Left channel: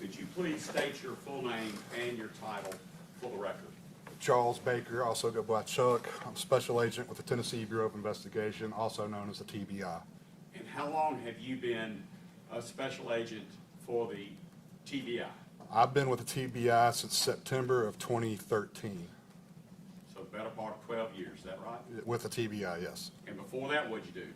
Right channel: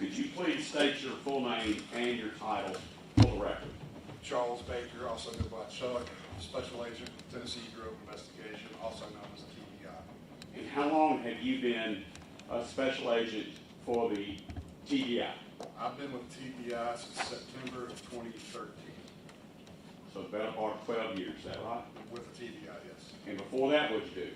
Could you please state your full name and your title for the record? Charles Baker, also go by Chuck. I'm Special Agent with the Tennessee Bureau of Investigation, also known as the TBI. And how long have you been a special agent for the TBI? I've been with the TBI since September of 2013. So the better part of 12 years, is that right? With the TBI, yes. And before that, what'd you do?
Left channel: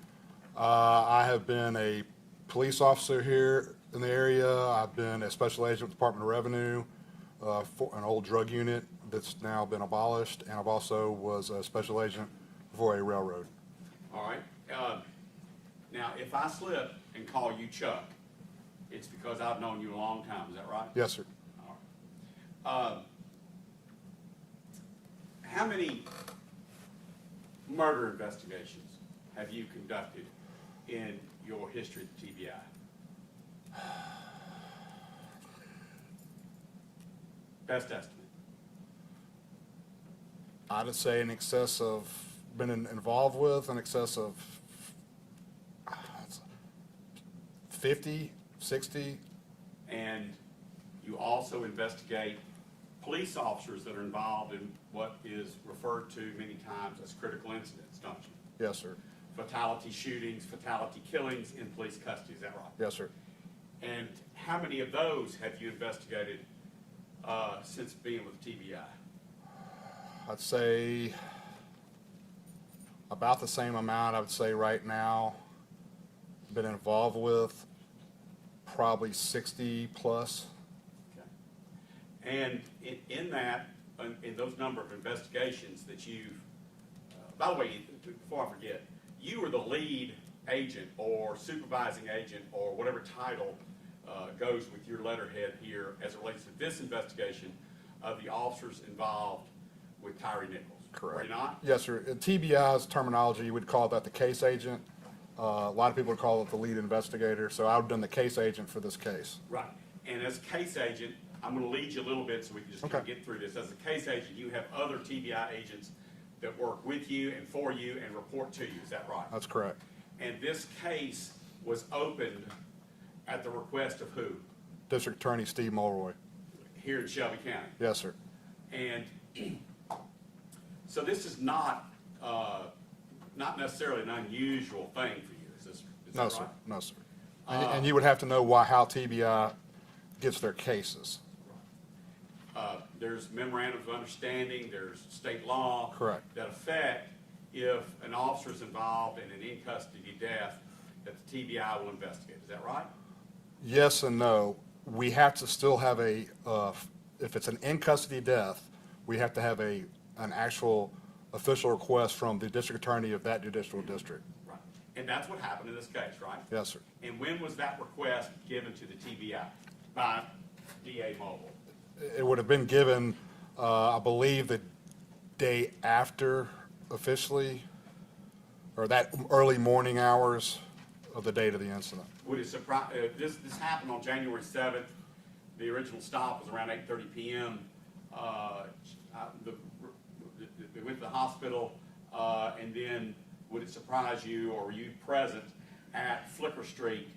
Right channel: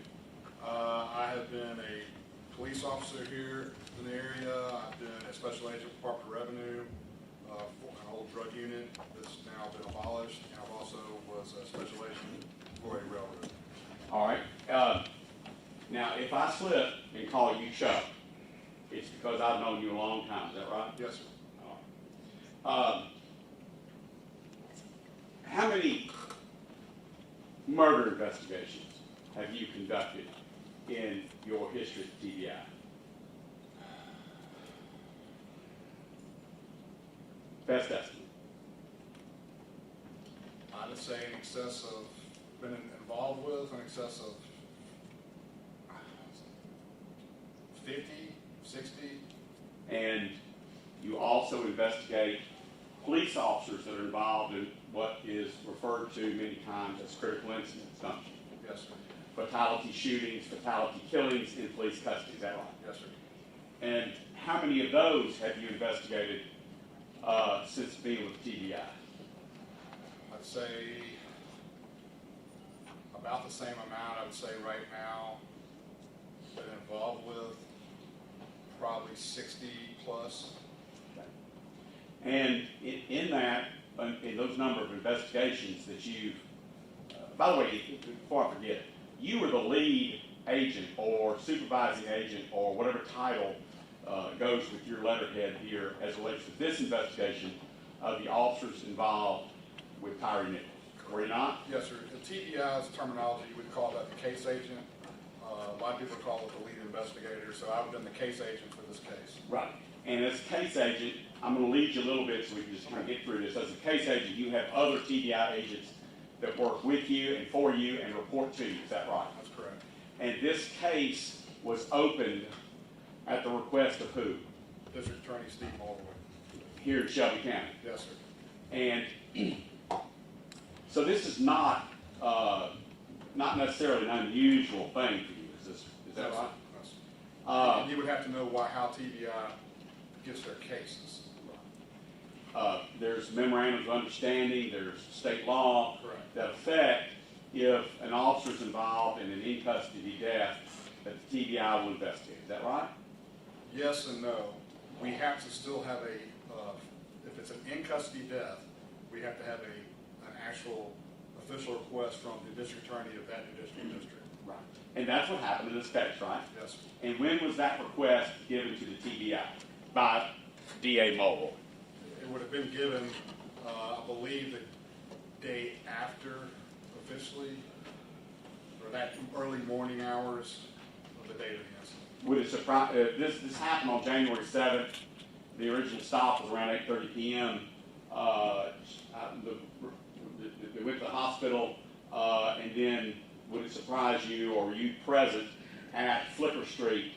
I have been a police officer here in the area. I've been a special agent with the Department of Revenue for an old drug unit that's now been abolished, and I've also was a special agent for a railroad. All right. Now, if I slip and call you Chuck, it's because I've known you a long time. Is that right? Yes, sir. All right. How many murder investigations have you conducted in your history at TBI? Best estimate. I'd say in excess of, been involved with in excess of 50, 60. And you also investigate police officers that are involved in what is referred to many times as critical incidents, don't you? Yes, sir. Fatality shootings, fatality killings in police custody, is that right? Yes, sir. And how many of those have you investigated since being with TBI? I'd say about the same amount. I would say right now, been involved with probably 60 plus. And in that, in those number of investigations that you've, by the way, before I forget, you were the lead agent or supervising agent or whatever title goes with your letterhead here as it relates to this investigation of the officers involved with Tyre Nichols. Correct. Were you not? Yes, sir. In TBI's terminology, you would call that the case agent. A lot of people would call it the lead investigator. So I've been the case agent for this case. Right. And as case agent, I'm going to lead you a little bit so we can just kind of get through this. As a case agent, you have other TBI agents that work with you and for you and report to you. Is that right? That's correct. And this case was opened at the request of who? District Attorney Steve Mulroy. Here in Shelby County. Yes, sir. And so this is not necessarily an unusual thing for you. Is No, that sir. right? No, sir. And you would have to know how TBI gets their cases. There's memorandums of understanding, there's state law. Correct. That affect if an officer's involved in an in-custody death that the TBI will investigate. Is that right? Yes and no. We have to still have if it's an in-custody death, we have to have an actual official request from the district attorney of that judicial district. Right. And that's what happened in this case, right? Yes, sir. And when was that request given to the TBI? By DA Mulroy? It would have been given, I believe, the day after officially, or that early morning hours of the date of the incident. Would it surprise, this happened on January 7th. The original stop was around 8:30 p.m. They went to the hospital, and then would it surprise you, or were you present at Flicker Street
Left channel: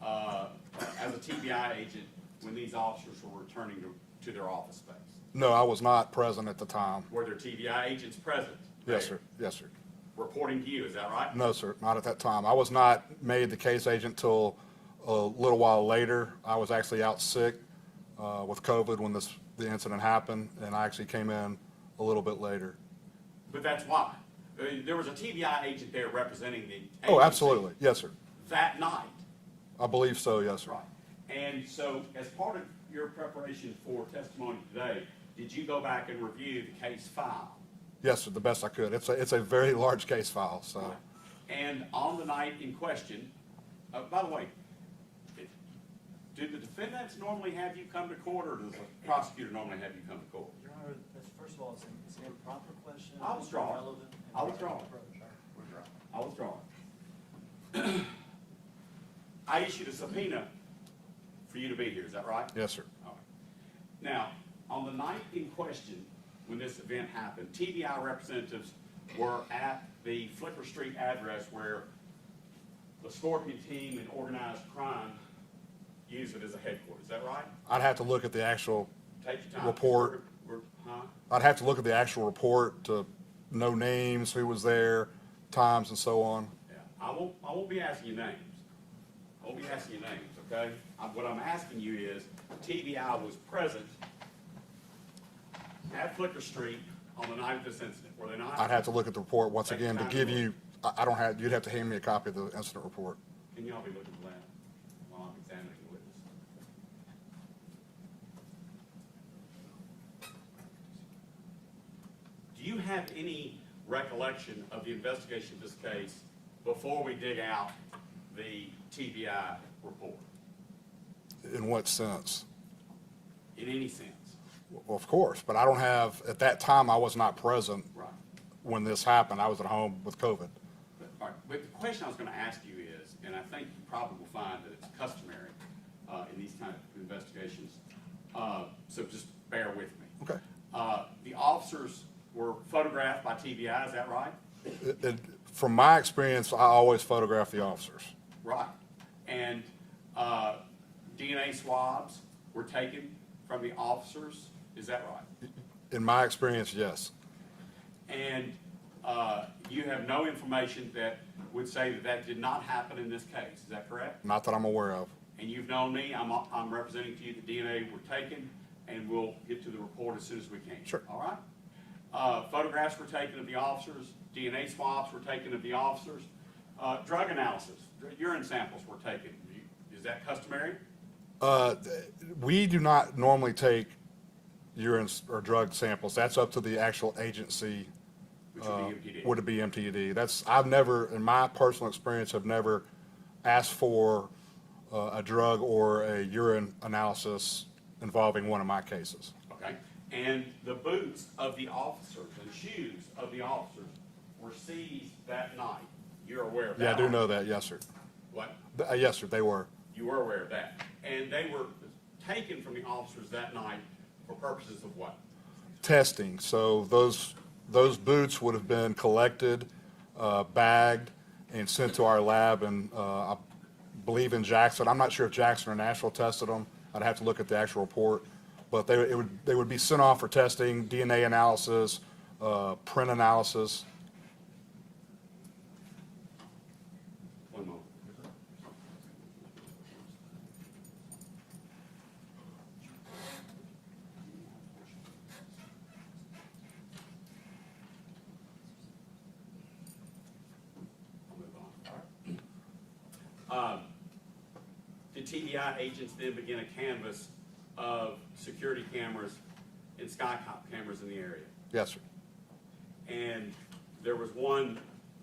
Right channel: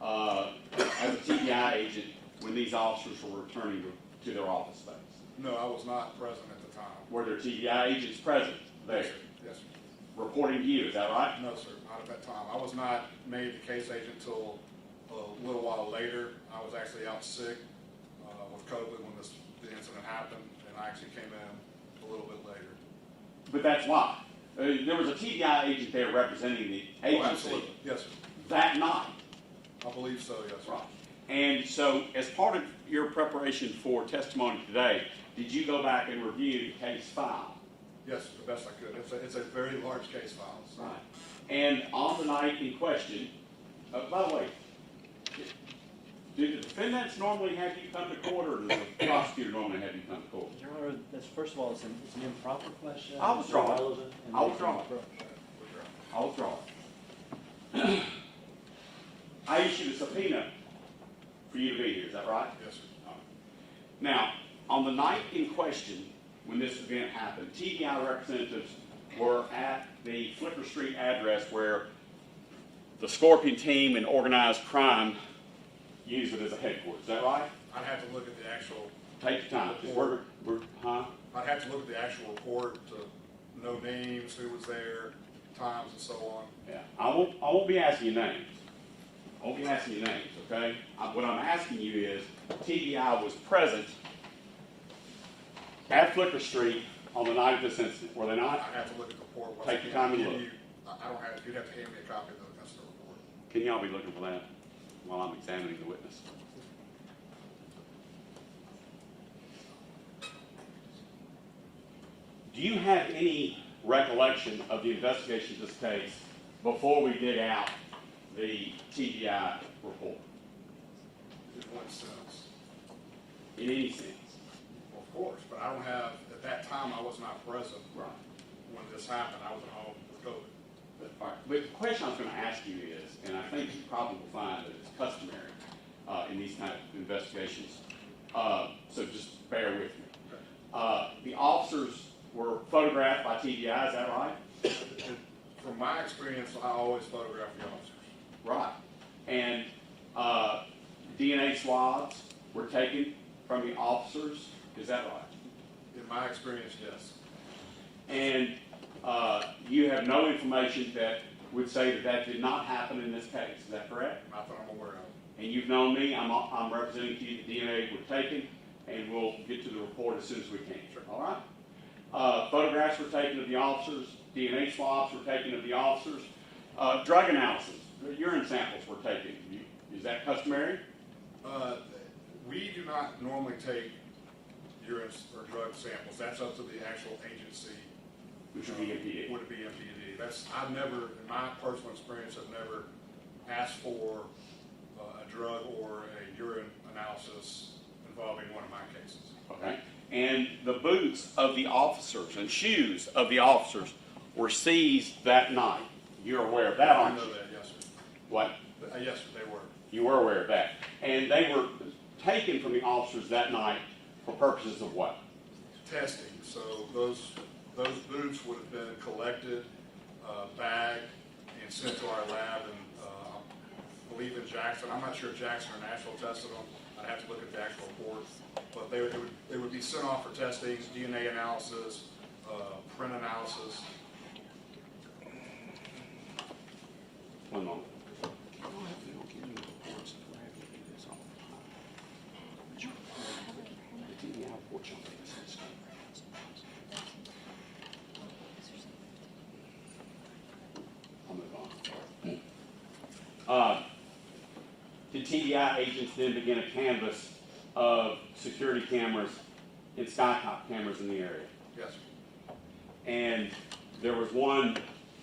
as a TBI agent when these officers were returning to their office space? No, I was not present at the time. Were there TBI agents present? Yes, there, sir. Yes, sir. Reporting to you, is that right? No, sir, not at that time. I was not made the case agent till a little while later. I was actually out sick with COVID when the incident happened, and I actually came in a little bit later. But that's why. There was a TBI agent there representing the agency. Oh, absolutely. Yes, sir. That night. I believe so, yes, sir. Right. And so as part of your preparation for testimony today, did you go back and review the case file? Yes, sir, the best I could. It's a very large case file, so. Right. And on the night in question, by the way, do the defendants normally have you come to court, or does the prosecutor normally have you come to court? Your Honor, that's, first of all, it's an improper question. I'll withdraw it. Irrelevant, and I'll withdraw it. I'll withdraw it. I issued a subpoena for you to be here, is that right? Yes, sir. All right. Now, on the night in question, when this event happened, TBI representatives were at the Flicker Street address where the Scorpion team and organized crime use it as a headquarters, is that right? I'd have to look at the actual, Take your time. Report. Huh? I'd have to look at the actual report to know names, who was there, times and so on. Yeah, I won't be asking you names. I won't be asking you names, okay? What I'm asking you is, TBI was present at Flicker Street on the night of this incident, were they not? I'd have to look at the report once Take again your time to to give look. you, I don't have, you'd have to hand me a copy of the incident report. Can y'all be looking for that while I'm examining the witness? Do you have any recollection of the investigation of this case before we dig out the TBI report? In what sense? In any sense? Well, of course, but I don't have, at that time, I was not present Right. when this happened. I was at home with COVID. But the question I was going to ask you is, and I think you probably will find that it's customary in these kind of investigations, so just bear with me. Okay. The officers were photographed by TBI, is that right? From my experience, I always photograph the officers. Right. And DNA swabs were taken from the officers, is that right? In my experience, yes. And you have no information that would say that that did not happen in this case, is that correct? Not that I'm aware of. And you've known me, I'm representing to you that DNA were taken, and we'll get to the report as soon as we can. Sure. All right? Photographs were taken of the officers, DNA swabs were taken of the officers, drug analysis, urine samples were taken. Is that customary? We do not normally take urine or drug samples. That's up to the actual agency. Which would be MPD. Would it be MPD? I've never, in my personal experience, have never asked for a drug or a urine analysis involving one of my cases. Okay. And the boots of the officers and shoes of the officers were seized that night. You're aware of that, Yeah, I do aren't you? know that, yes, sir. What? Yes, sir, they were. You were aware of that. And they were taken from the officers that night for purposes of what? Testing. So those boots would have been collected, bagged, and sent to our lab, and I believe in Jackson. I'm not sure if Jackson or Nashville tested them. I'd have to look at the actual report. But they would be sent off for testing, DNA analysis, print analysis. One moment. I'll move on. The TBI agents then begin a canvass of security cameras and skycop cameras in the area. Yes, sir. And there was one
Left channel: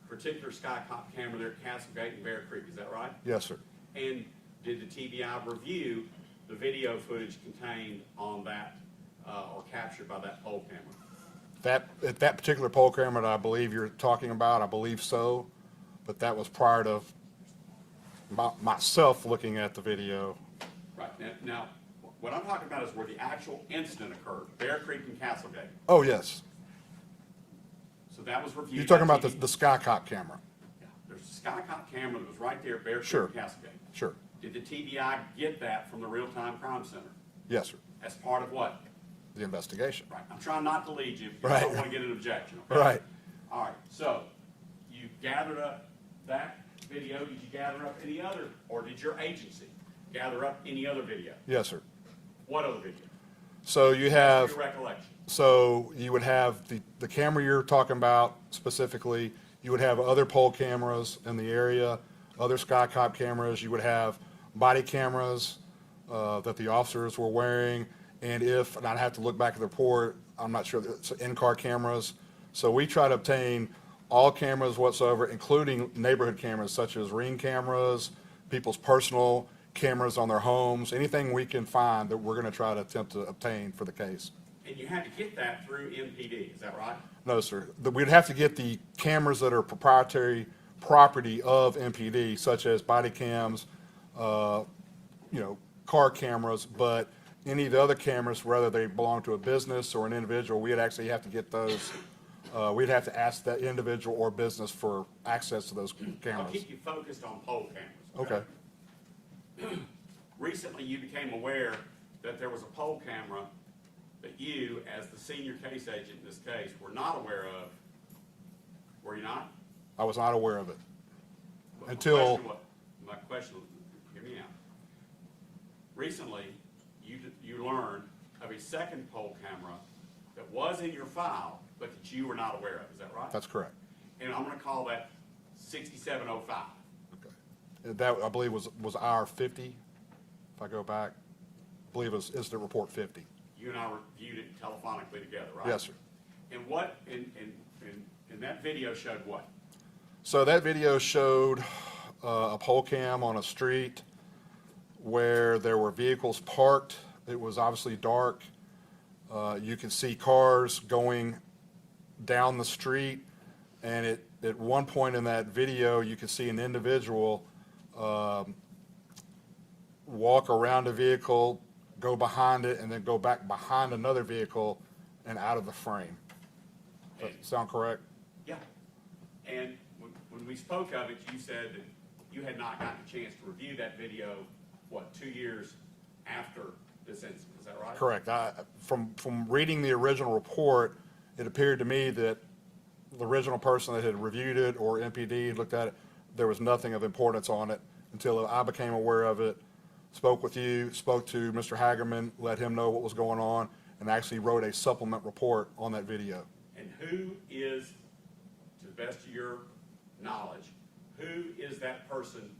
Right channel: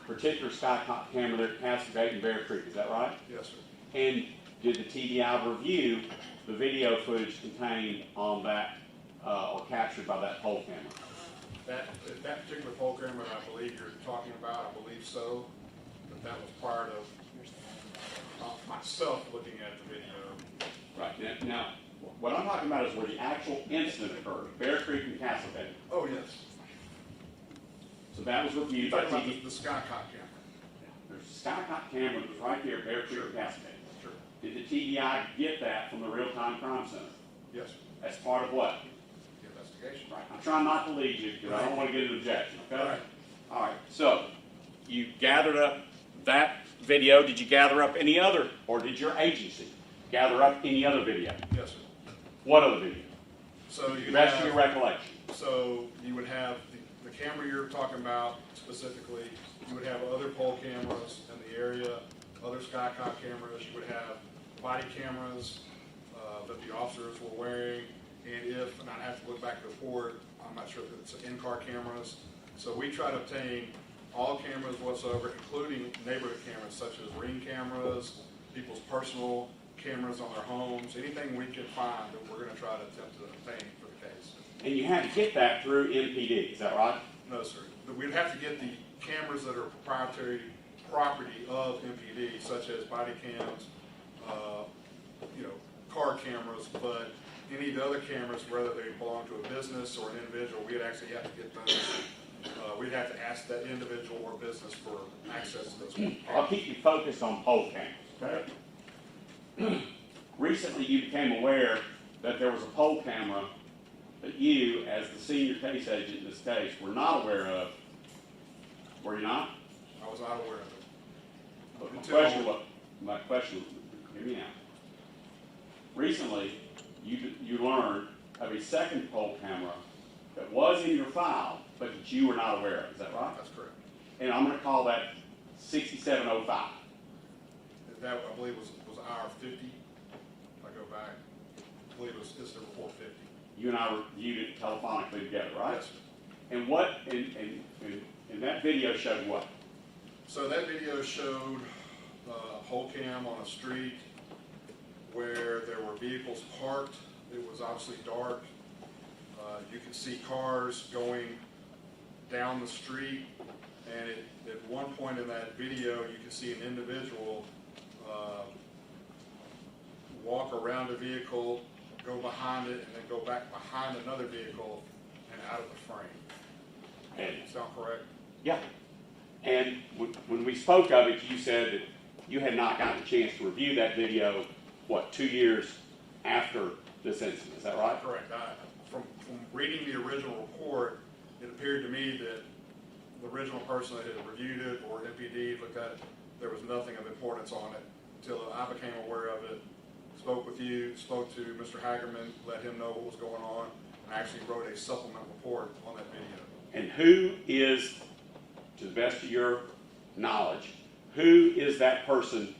particular skycop camera there at Cascade and Bear Creek, is that right? Yes, sir. And did the TBI review the video footage contained on that, or captured by that poll camera? At that particular poll camera that I believe you're talking about, I believe so, but that was prior to myself looking at the video. Right, now, what I'm talking about is where the actual incident occurred, Bear Creek and Cascade. Oh, yes. So that was reviewed. You're talking by about the Skycop camera? There's a skycop camera that was right there, Bear Creek Sure. and Cascade. Sure. Did the TBI get that from the real-time crime center? Yes, sir. As part of what? The investigation. Right, I'm trying not to lead you, because I don't Right. want to get an objection. Okay? Right. All right, so you gathered up that video. Did you gather up any other, or did your agency gather up any other video? Yes, sir. What other video? So you That's have, your recollection. so you would have the camera you're talking about specifically, you would have other poll cameras in the area, other Skycop cameras, you would have body cameras that the officers were wearing, and I'd have to look back at the report, I'm not sure, it's in-car cameras. So we try to obtain all cameras whatsoever, including neighborhood cameras such as Ring cameras, people's personal cameras on their homes, anything we can find that we're going to try to attempt to obtain for the case. And you had to get that through MPD, is that right? No, sir. We'd have to get the cameras that are proprietary property of MPD, such as body cams, car cameras, but any of the other cameras, whether they belong to a business or an individual, we'd actually have to get those. We'd have to ask that individual or business for access to those cameras. I'll keep you focused on poll cameras. Okay. recently you became aware that there was a poll camera that you, as the senior case agent in this case, were not aware of. Were you not? I was not aware of it. But Until- my question, hear me out. Recently, you learned of a second poll camera that was in your file, but that you were not aware of. Is that right? That's correct. And I'm going to call that 6705. That, I believe, was hour 50, if I go back. I believe it was incident report 50. You and I reviewed it telephonically together, right? Yes, sir. And what? And that video showed what? So that video showed a pole cam on a street where there were vehicles parked. It was obviously dark. You can see cars going down the street, and at one point in that video, you can see an individual walk around a vehicle, go behind it, and then go back behind another vehicle and out of the frame. Sound correct? Yeah. And when we spoke of it, you said that you had not gotten a chance to review that video, what, 2 years after this incident, is that right? Correct. From reading the original report, it appeared to me that the original person that had reviewed it, or MPD looked at it, there was nothing of importance on it until I became aware of it, spoke with you, spoke to Mr. Hagerman, let him know what was going on, and actually wrote a supplement report on that video. And who is, to the best of your knowledge, who is that person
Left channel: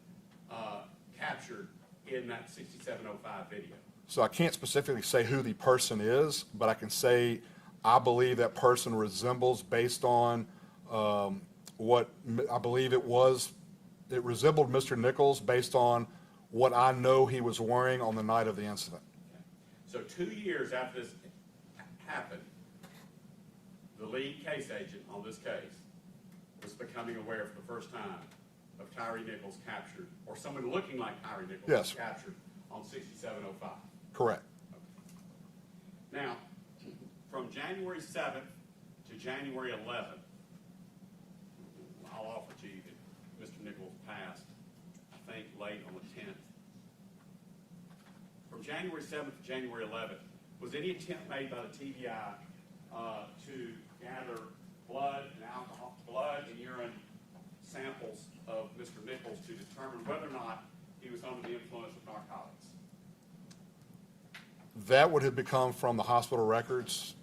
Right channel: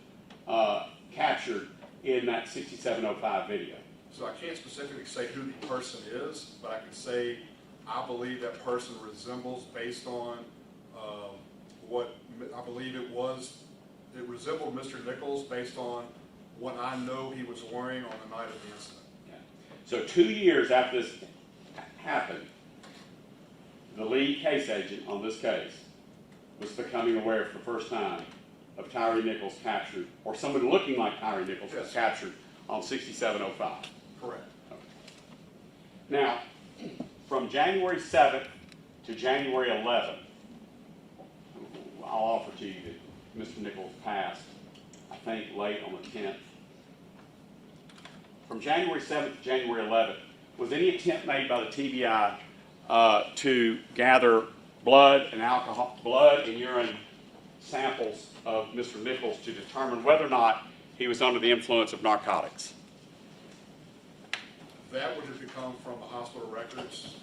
captured in that 6705 video? So I can't specifically say who the person is, but I can say I believe that person resembles, based on what I believe it was, it resembled Mr. Nichols based on what I know he was wearing on the night of the incident. Yeah. So 2 years after this happened, the lead case agent on this case was becoming aware for the first time of Tyre Nichols captured, or somebody looking like Tyre Nichols was Yes. captured on 6705. Correct. Now, from January 7th to January 11th, I'll offer to you that Mr. Nichols passed, I think, late on the 10th. From January 7th to January 11th, was any attempt made by the TBI to gather blood and urine samples of Mr. Nichols to determine whether or not he was under the influence of narcotics? That would have become from the hospital records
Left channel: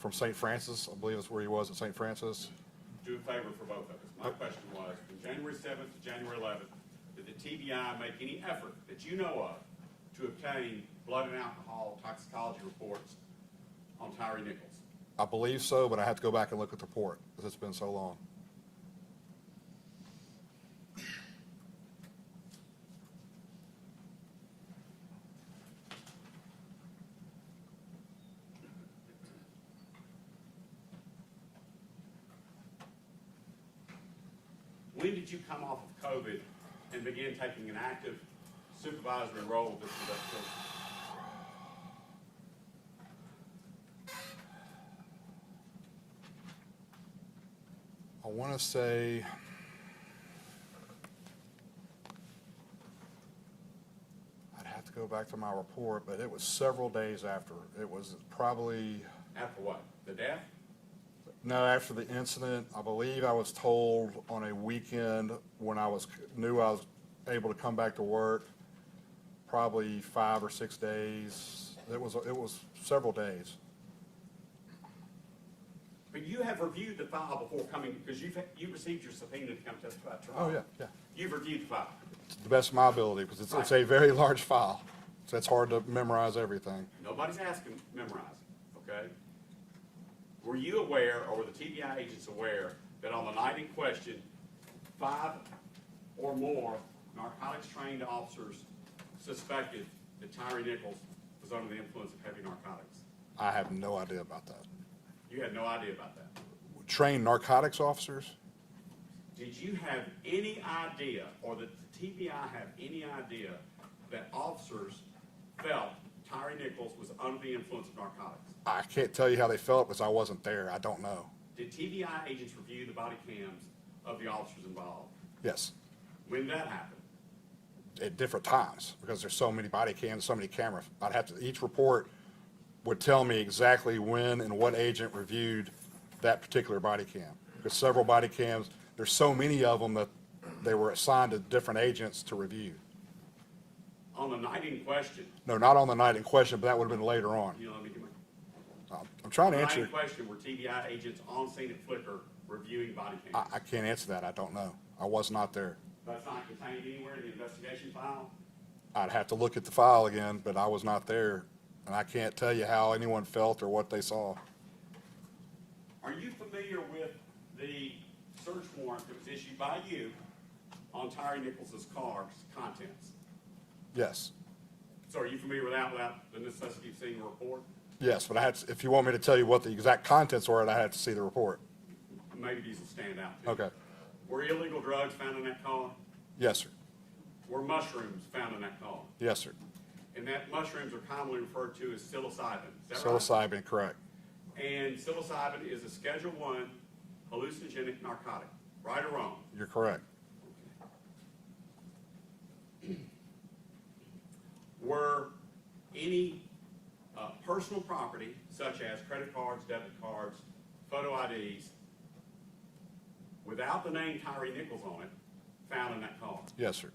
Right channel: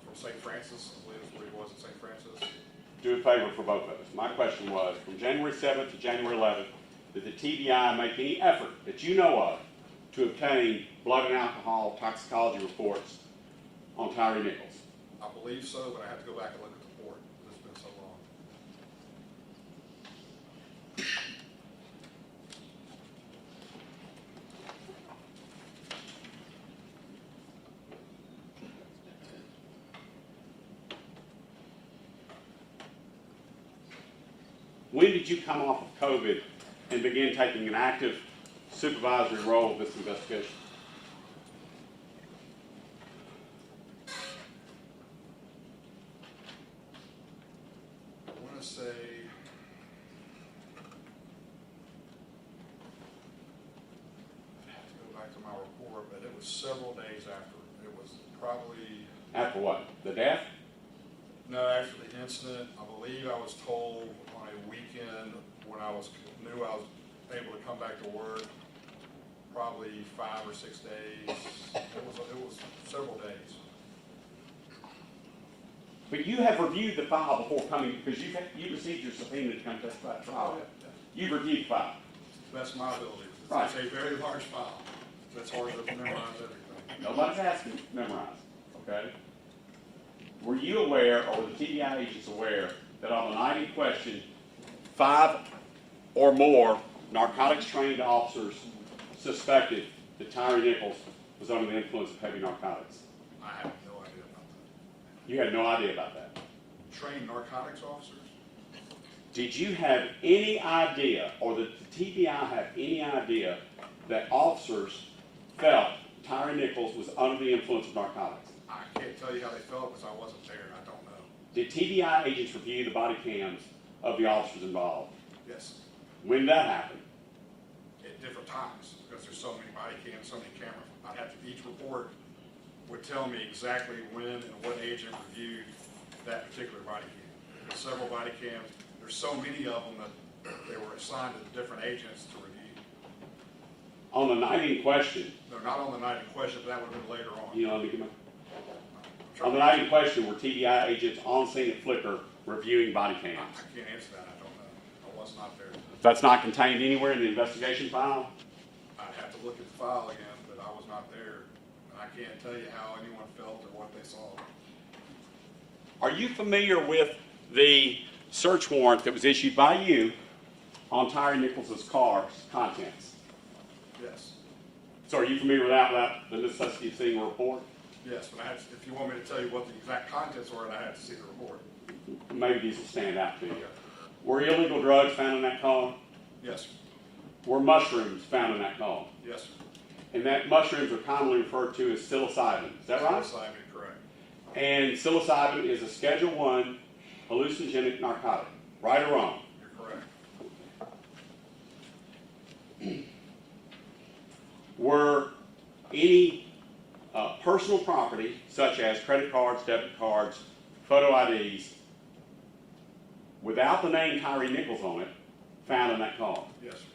from St. Francis. I believe that's where he was at St. Francis. Do a favor for both of us. My question was, from January 7th to January 11th, did the TBI make any effort that you know of to obtain blood and alcohol toxicology reports on Tyre Nichols? I believe so, but I have to go back and look at the report because it's been so long. When did you come off of COVID and begin taking an active supervisory role in this investigation? I want to say I'd have to go back to my report, but it was several days after. It was probably, After what? The death? no, after the incident. I believe I was told on a weekend when knew I was able to come back to work, probably 5 or 6 days. It was several days. But you have reviewed the file before coming, because you received your subpoena to come testify at trial. Oh, yeah. You've reviewed the file. To the best of my ability, because it's a very large file, so it's hard to memorize everything. Nobody's asking to memorize, okay? Were you aware, or were the TBI agents aware, that on the night in question, 5 or more narcotics-trained officers suspected that Tyre Nichols was under the influence of heavy narcotics? I have no idea about that. You had no idea about that. Trained narcotics officers? Did you have any idea, or did the TBI have any idea, that officers felt Tyre Nichols was under the influence of narcotics? I can't tell you how they felt because I wasn't there. I don't know. Did TBI agents review the body cams of the officers involved? Yes. When did that happen? at different times, because there's so many body cams, so many cameras. Each report would tell me exactly when and what agent reviewed that particular body cam. There's several body cams, there's so many of them that they were assigned to different agents to review. On the night in question, No, not on the night in question, but that would have been later on. you know, let me get my. I'm trying On the to night in answer, question, were TBI agents on scene at Flickr reviewing body cams? I can't answer that, I don't know. I was not there. That's not contained anywhere in the investigation file? I'd have to look at the file again, but I was not there, and I can't tell you how anyone felt or what they saw. Are you familiar with the search warrant that was issued by you on Tyre Nichols' car's contents? Yes, So are you familiar with that without the necessity of seeing a report? yes, but if you want me to tell you what the exact contents were, I had to see the report. Maybe these will stand out to you. Okay, Were illegal drugs found in that car? yes, sir, Were mushrooms found in that car? yes, sir. And that mushrooms are commonly referred to as psilocybin. Is that right? Psilocybin, correct. And psilocybin is a Schedule I hallucinogenic narcotic. Right or wrong? You're correct. Were any personal property, such as credit cards, debit cards, photo IDs, without the name Tyre Nichols on it, found in that car? Yes, sir.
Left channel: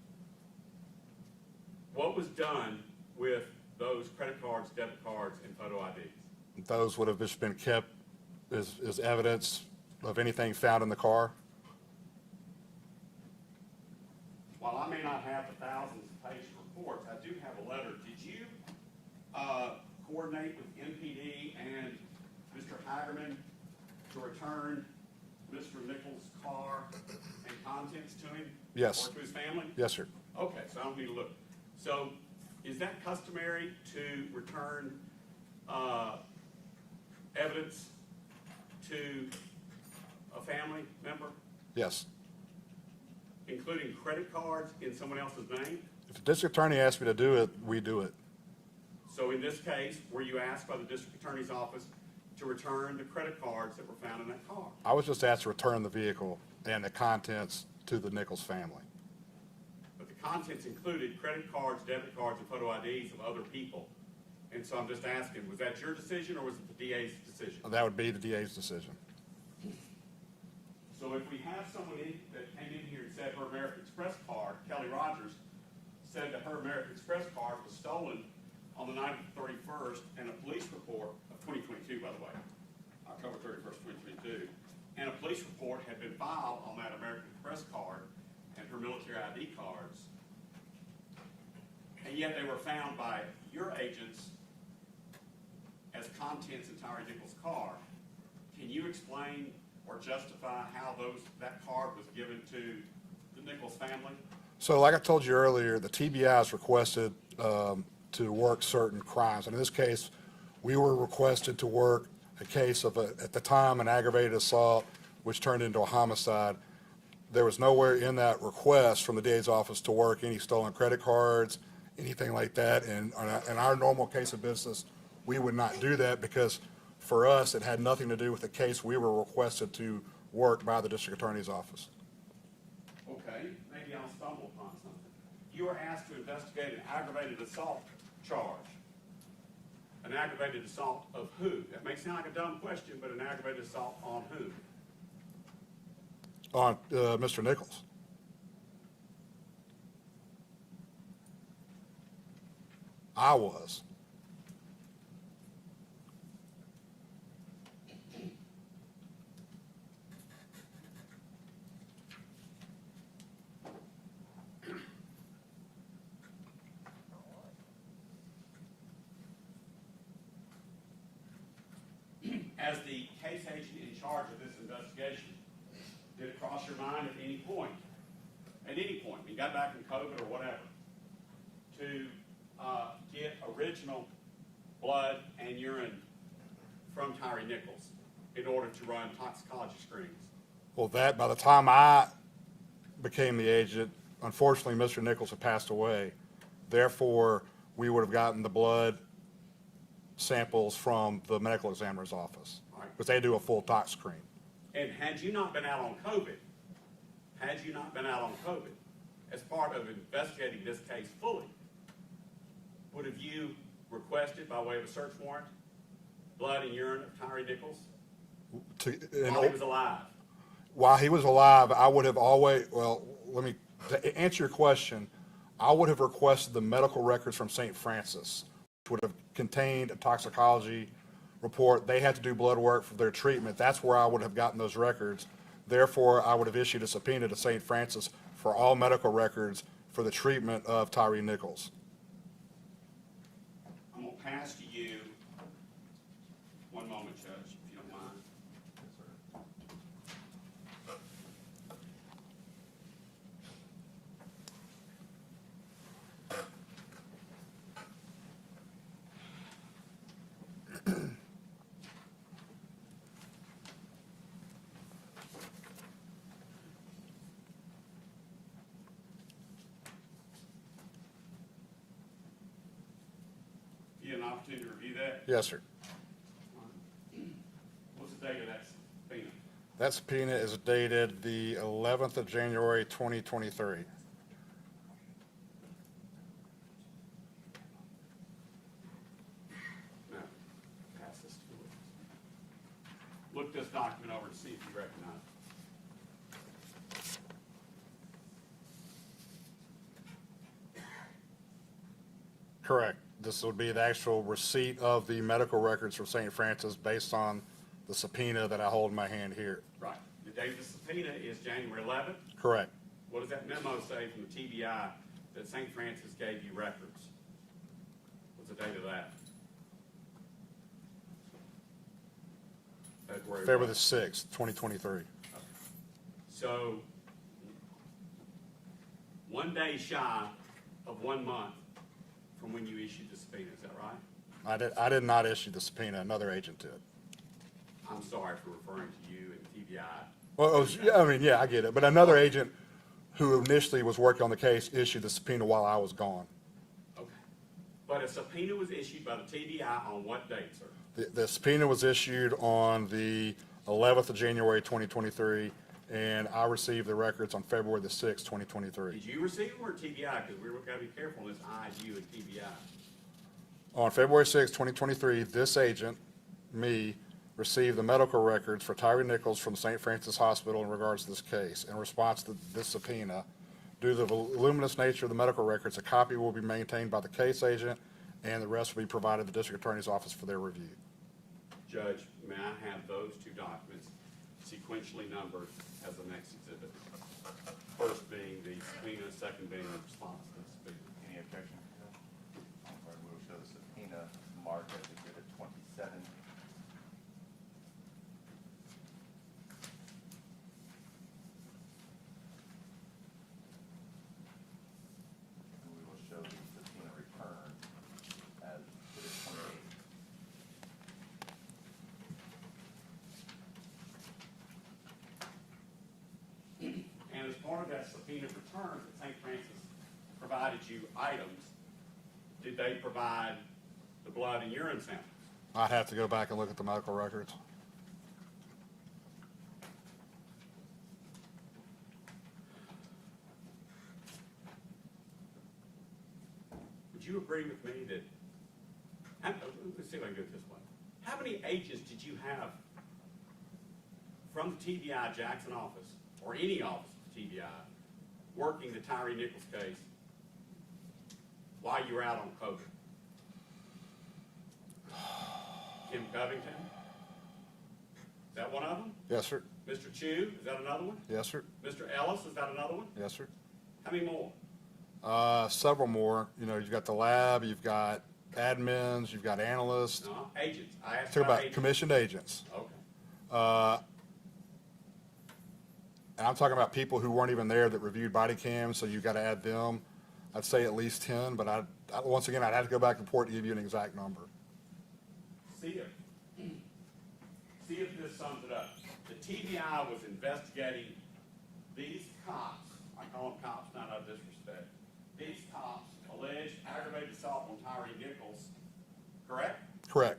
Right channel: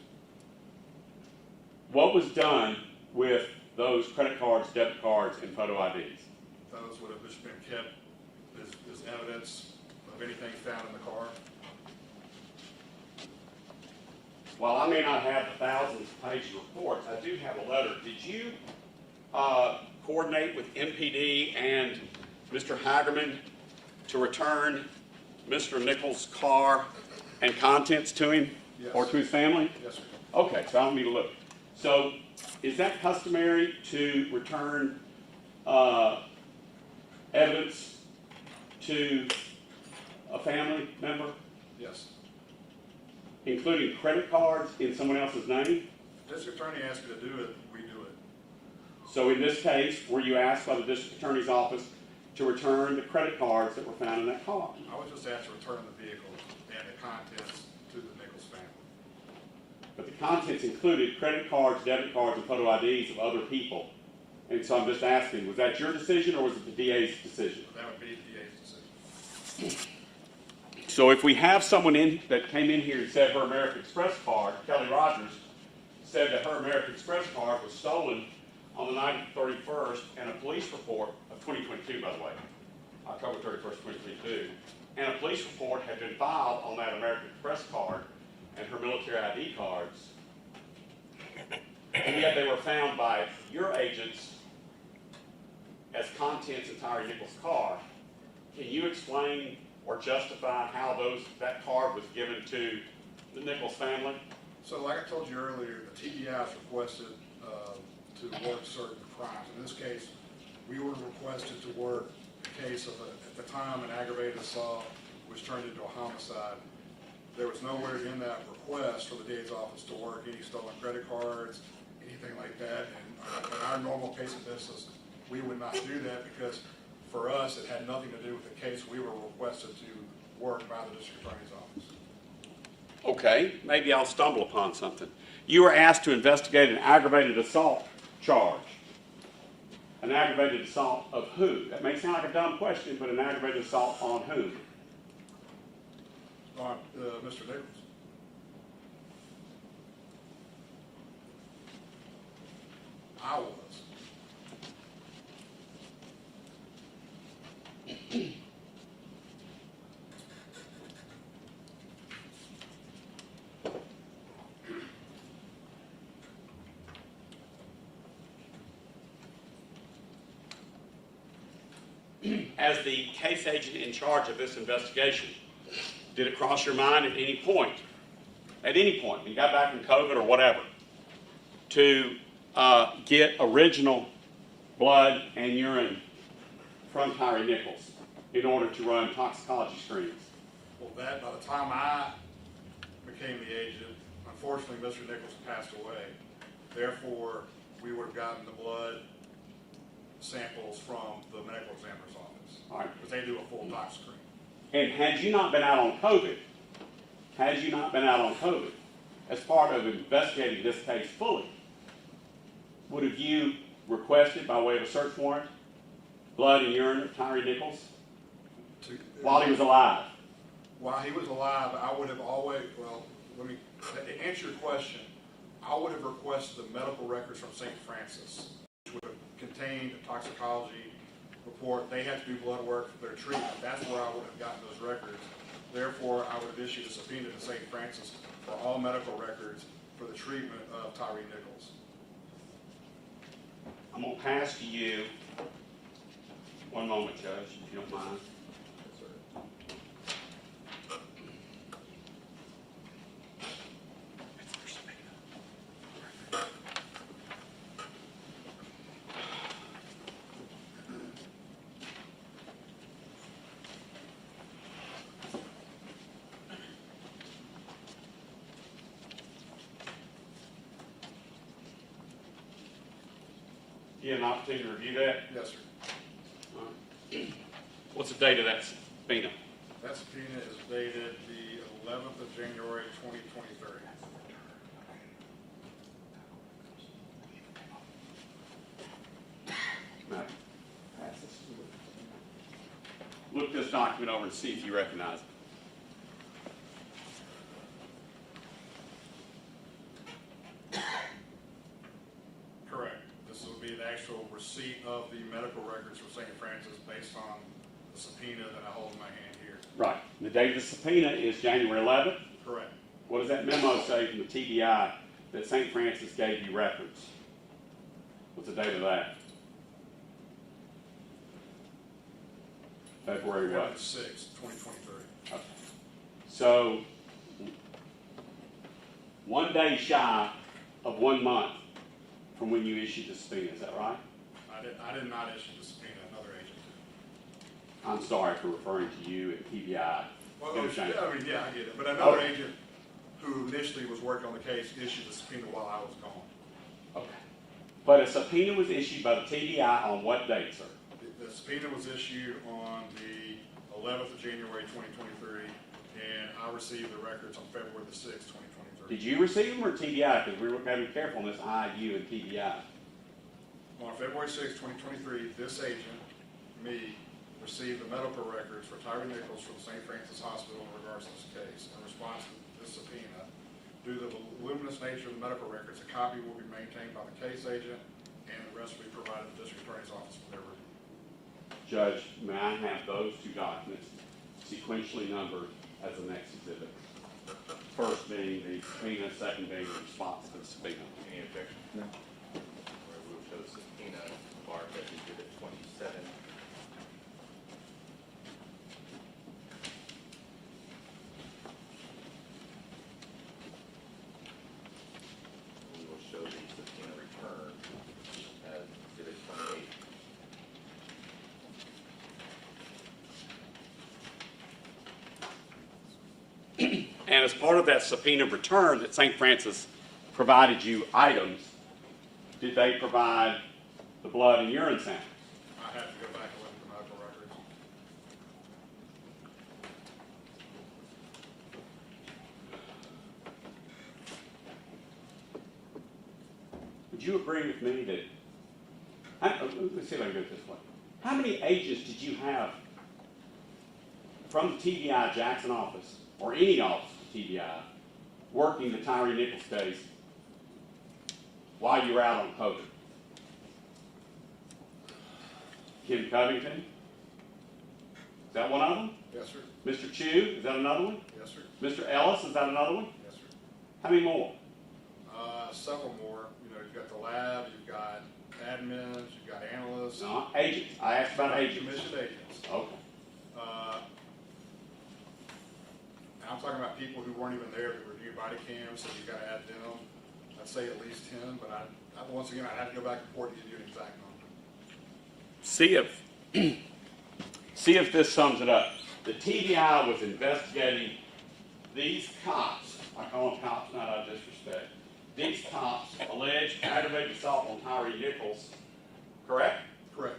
What was done with those credit cards, debit cards, and photo IDs? Those would have just been kept as evidence of anything found in the car. While I may not have the thousands of page reports, I do have a letter. Did you coordinate with MPD and Mr. Hagerman to return Mr. Nichols' car and contents to him? Yes. Or to his family? Yes, sir. Okay, so I don't need to look. So is that customary to return evidence to a family member, Yes. including credit cards in someone else's name? If the district attorney asked me to do it, we do it. So in this case, were you asked by the district attorney's office to return the credit cards that were found in that car? I was just asked to return the vehicle and the contents to the Nichols family. But the contents included credit cards, debit cards, and photo IDs of other people. And so I'm just asking, was that your decision or was it the DA's decision? That would be the DA's decision. So if we have someone that came in here and said her American Express card, Kelly Rogers, said that her American Express card was stolen on the night of the 31st, and a police report of 2022, by the way, October 31st, 2022, and a police report had been filed on that American Express card and her military ID cards, and yet they were found by your agents as contents in Tyre Nichols' car. Can you explain or justify how that card was given to the Nichols family? So like I told you earlier, the TBI is requested to work certain crimes. In this case, we were requested to work a case of, at the time, an aggravated assault, which turned into a homicide. There was nowhere in that request from the DA's office to work any stolen credit cards, anything like that. And in our normal case of business, we would not do that because for us, it had nothing to do with the case we were requested to work by the district attorney's office. Okay, maybe I'll stumble upon something. You were asked to investigate an aggravated assault charge. An aggravated assault of who? That may sound like a dumb question, but an aggravated assault on who? On Mr. Nichols. I was. As the case agent in charge of this investigation, did it cross your mind at any point, when you got back from COVID or whatever, to get original blood and urine from Tyre Nichols in order to run toxicology screens? Well, by the time I became the agent, unfortunately, Mr. Nichols had passed away. Therefore, we would have gotten the blood samples from the medical examiner's office, All right. because they do a full tox screen. And had you not been out on COVID, as part of investigating this case fully, would have you requested by way of a search warrant blood and urine of Tyre Nichols while he was alive? While he was alive, I would have always, well, to answer your question, I would have requested the medical records from St. Francis, which would have contained a toxicology report. They had to do blood work for their treatment. That's where I would have gotten those records. Therefore, I would have issued a subpoena to St. Francis for all medical records for the treatment of Tyre Nichols. I'm going to pass to you, one moment, Judge, if you don't mind. You had an opportunity to review that? Yes, sir. What's the date of that subpoena? That subpoena is dated the 11th of January, 2023. Matt, pass this. Look this document over and see if you recognize it. Correct. This would be the actual receipt of the medical records from St. Francis based on the subpoena that I hold in my hand here. Right. And the date of the subpoena is January 11th. Correct. What does that memo say from the TBI that St. Francis gave you records? What's the date of that? February February what? the 6th, 2023. Okay. So, 1 day shy of 1 month from when you issued the subpoena, is that right? I did not issue the subpoena. Another agent did. I'm sorry for referring to you and TBI. Well, yeah, I get it. But another agent who initially was working on the case issued the subpoena while I was gone. Okay. But a subpoena was issued by the TBI on what date, sir? The subpoena was issued on the 11th of January, 2023, and I received the records on February the 6th, 2023. Did you receive them or TBI? Because we were going to be careful on this I, you, and TBI. On February 6th, 2023, this agent, me, received the medical records for Tyre Nichols from St. Francis Hospital in regards to this case. In response to this subpoena, due to the voluminous nature of the medical records, a copy will be maintained by the case agent, and the rest will be provided to the District Attorney's Office for their review. Judge, may I have those two documents sequentially numbered as the next exhibit? First being the subpoena, second being the response to the subpoena. Any objection? No. Where we will show the subpoena marked as exhibit 27. We will show the subpoena return as exhibit 28. And as part of that subpoena return that St. Francis provided you items, did they provide the blood and urine samples? I'd have to go back and look at the medical records. Would you agree with me that, let's see if I can do it this way. How many agents did you have from the TBI Jackson office, or any office of TBI, working the Tyre Nichols case while you were out on COVID? Kim Covington? Is that one of them? Yes, sir. Mr. Chu, is that another one? Yes, sir. Mr. Ellis, is that another one? Yes, sir. How many more? Several more. You know, you've got the lab, you've got admins, you've got analysts. No, agents. I asked about agents. Commissioned agents. Okay. And I'm talking about people who weren't even there that reviewed body cams, so you've got to add them. I'd say at least 10, but once again, I'd have to go back and report to give you an exact number. See if this sums it up. The TBI was investigating these cops. I call them cops, not out of disrespect. These cops alleged aggravated assault on Tyre Nichols, correct? Correct.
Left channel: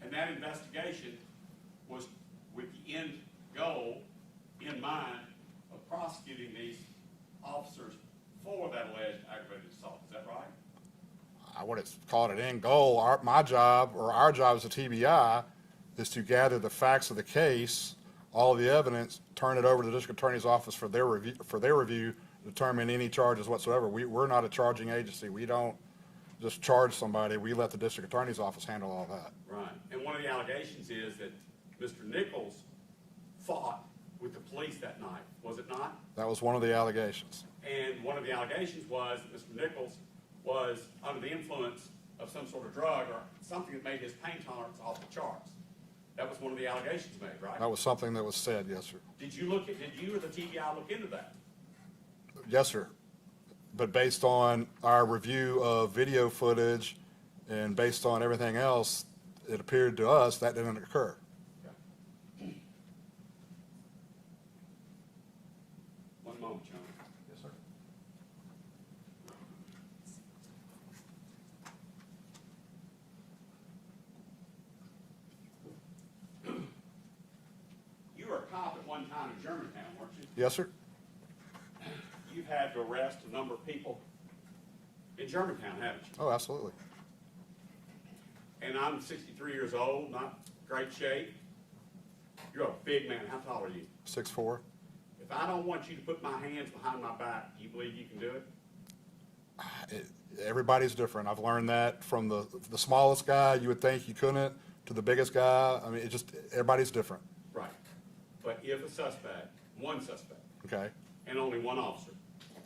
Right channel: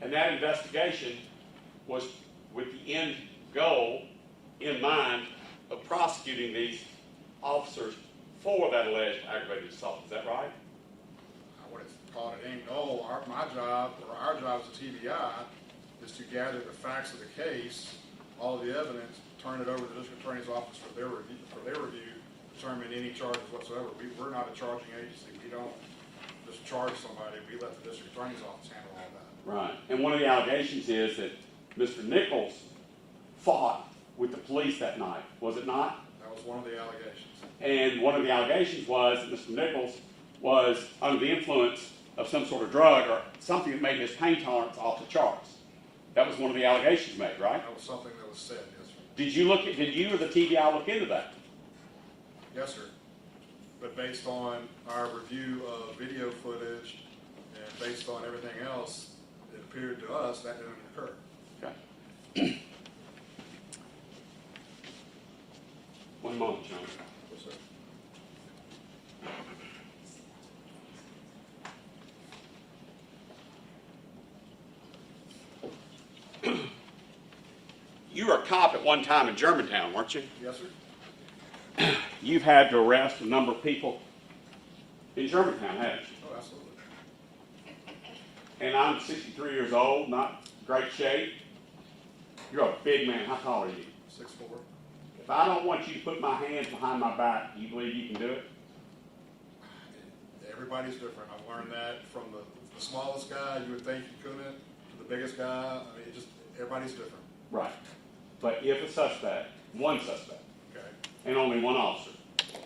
And that investigation was with the end goal in mind of prosecuting these officers for that alleged aggravated assault. Is that right? I wouldn't call it an end goal. My job, or our job as a TBI, is to gather the facts of the case, all of the evidence, turn it over to the district attorney's office for their review, determine any charges whatsoever. We're not a charging agency. We don't just charge somebody. We let the district attorney's office handle all that. Right. And one of the allegations is that Mr. Nichols fought with the police that night, was it not? That was one of the allegations. And one of the allegations was that Mr. Nichols was under the influence of some sort of drug or something that made his pain tolerance off the charts. That was one of the allegations made, right? That was something that was said, yes, sir. Did you or the TBI look into that? Yes, sir. But based on our review of video footage and based on everything else, it appeared to us that didn't occur. Okay. One moment, John. Yes, sir. You were a cop at one time in Germantown, weren't you? Yes, sir? You've had to arrest a number of people in Germantown, haven't you? Oh, absolutely. And I'm 63 years old, not great shape. You're a big man. How tall are you? 6'4". If I don't want you to put my hands behind my back, do you believe you can do it? Everybody's different. I've learned that from the smallest guy you would think you couldn't to the biggest guy. I mean, everybody's different. Right. But if a suspect, one suspect, Okay. and only one officer,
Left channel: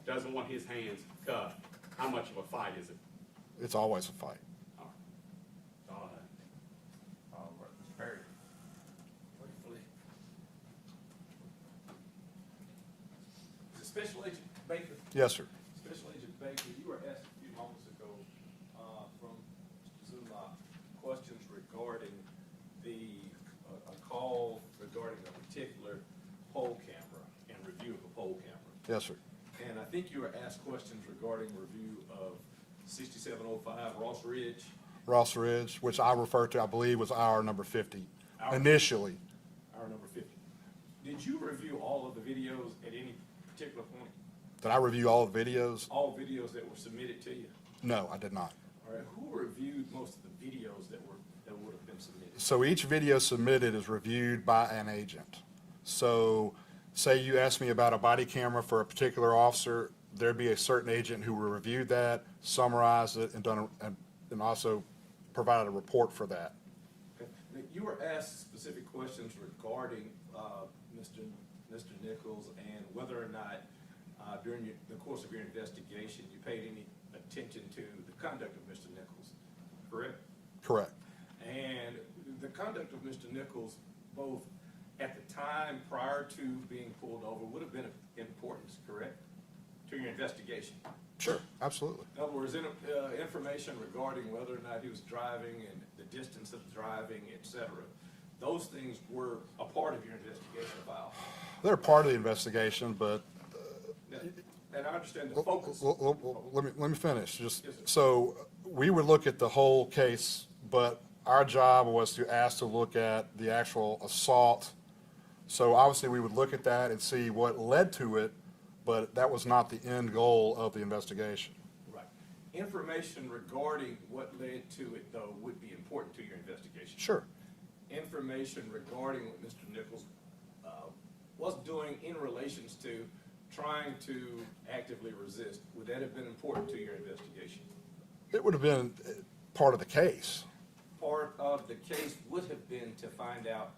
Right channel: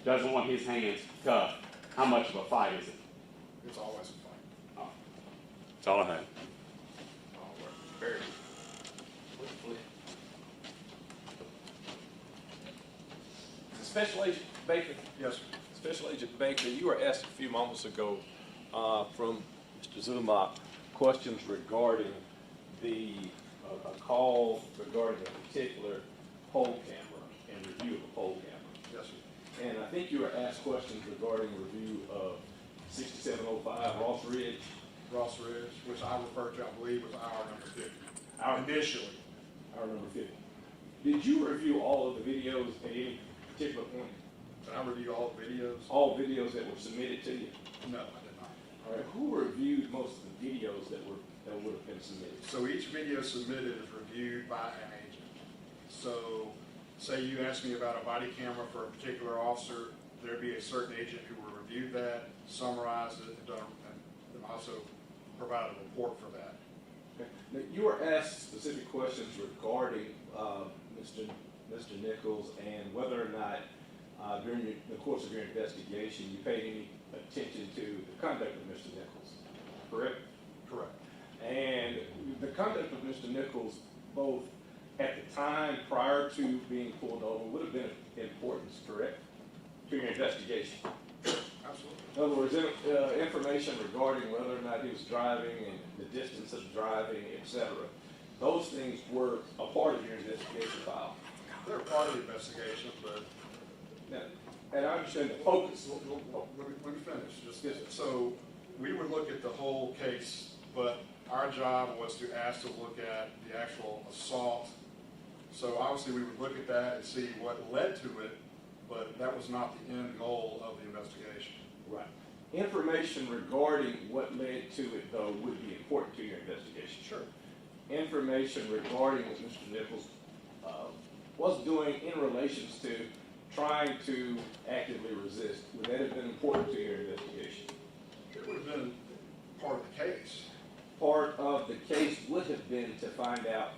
doesn't want his hands cuffed, how much of a fight is it? It's always a fight. That's all I have. All right. Perry. Special Agent Baker, Yes, sir. Special Agent Baker, you were asked a few moments ago from Mr. Zumach questions regarding a call regarding a particular poll camera and review of the poll camera. Yes, sir. And I think you were asked questions regarding review of 6705 Ross Ridge. Ross Ridge, which I refer to, I believe, was hour number 50. Hour- Initially. Our number 50. Did you review all of the videos at any particular point? Did I review all the videos? All videos that were submitted to you? No, I did not. All right, who reviewed most of the videos that would have been submitted? So each video submitted is reviewed by an agent. So say you asked me about a body camera for a particular officer, there'd be a certain agent who would review that, summarize it, and also provide a report for that. Okay. Now, you were asked specific questions regarding Mr. Nichols and whether or not during the course of your investigation you paid any attention to the conduct of Mr. Nichols, correct? Correct. And the conduct of Mr. Nichols, both at the time prior to being pulled over, would have been of importance, correct, to your investigation? Sure, absolutely. In other words, information regarding whether or not he was driving and the distance of driving, et cetera, those things were a part of your investigation file. They're part of the investigation, but And I understand the focus. let me finish. Just Yes, sir. so we would look at the whole case, but our job was to ask to look at the actual assault. So obviously we would look at that and see what led to it, but that was not the end goal of the investigation. Right. Information regarding what led to it, though, would be important to your investigation. Sure. Information regarding what Mr. Nichols was doing in relations to trying to actively resist, would that have been important to your investigation? It would have been part of the case. Part of the case would have been to find out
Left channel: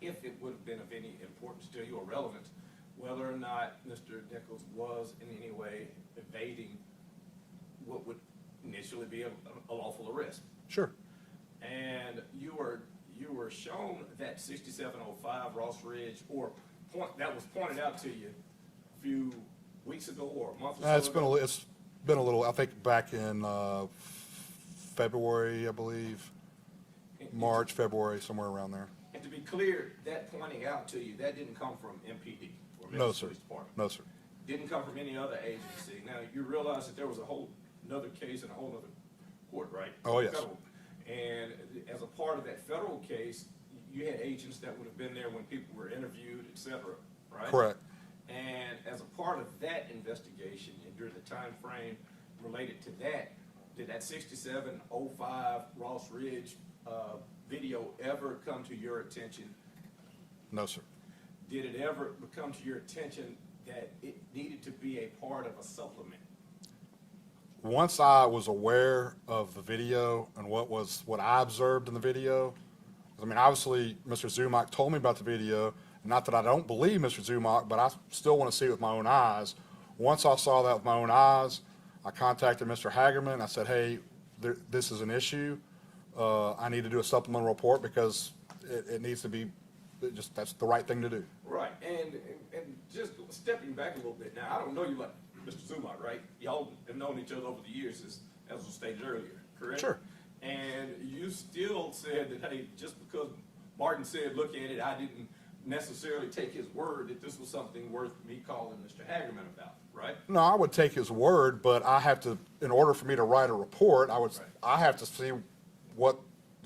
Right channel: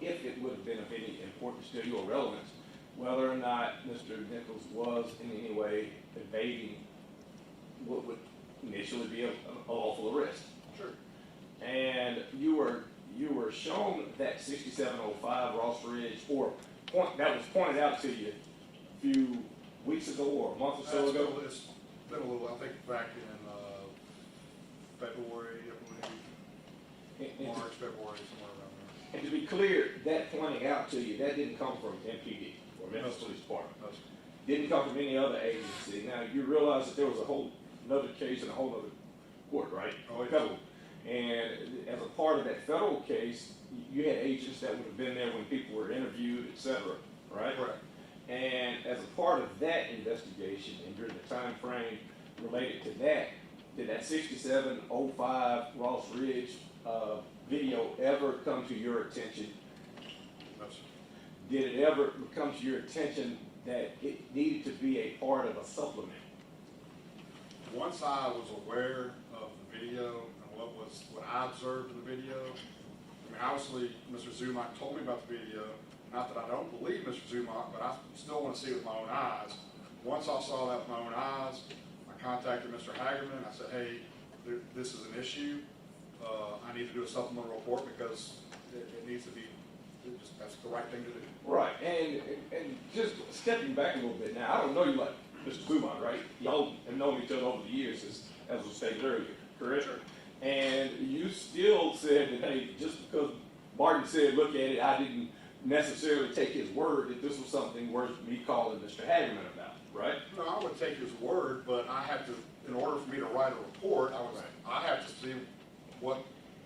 if it would have been of any importance to you or relevance, whether or not Mr. Nichols was in any way evading what would initially be a lawful arrest. Sure. And you were shown that 6705 Ross Ridge, that was pointed out to you a few weeks ago or a month or so ago. It's been a little, I think back in February, I believe, March, February, somewhere around there. And to be clear, that pointing out to you, that didn't come from MPD or No, Memphis sir. Police Department. No, sir. Didn't come from any other agency. Now, you realize that there was a whole another case in a whole other court, right? Oh, yes. Federal. And as a part of that federal case, you had agents that would have been there when people were interviewed, et cetera. right? Correct. And as a part of that investigation and during the time frame related to that, did that 6705 Ross Ridge video ever come to your attention? No, sir. Did it ever come to your attention that it needed to be a part of a supplement? Once I was aware of the video and what I observed in the video, I mean, obviously, Mr. Zumock told me about the video. Not that I don't believe Mr. Zumock, but I still want to see it with my own eyes. Once I saw that with my own eyes, I contacted Mr. Hagerman. I said, hey, this is an issue. I need to do a supplemental report because it needs to be, that's the right thing to do. Right, and just stepping back a little bit now, I don't know you like Mr. Zumock, right? Y'all have known each other over the years, as was stated earlier, correct? Sure. And you still said that, hey, just because Martin said, look at it, I didn't necessarily take his word that this was something worth me calling Mr. Hagerman about, right? No, I would take his word, but I have to, in order for me to write a report, I have to see what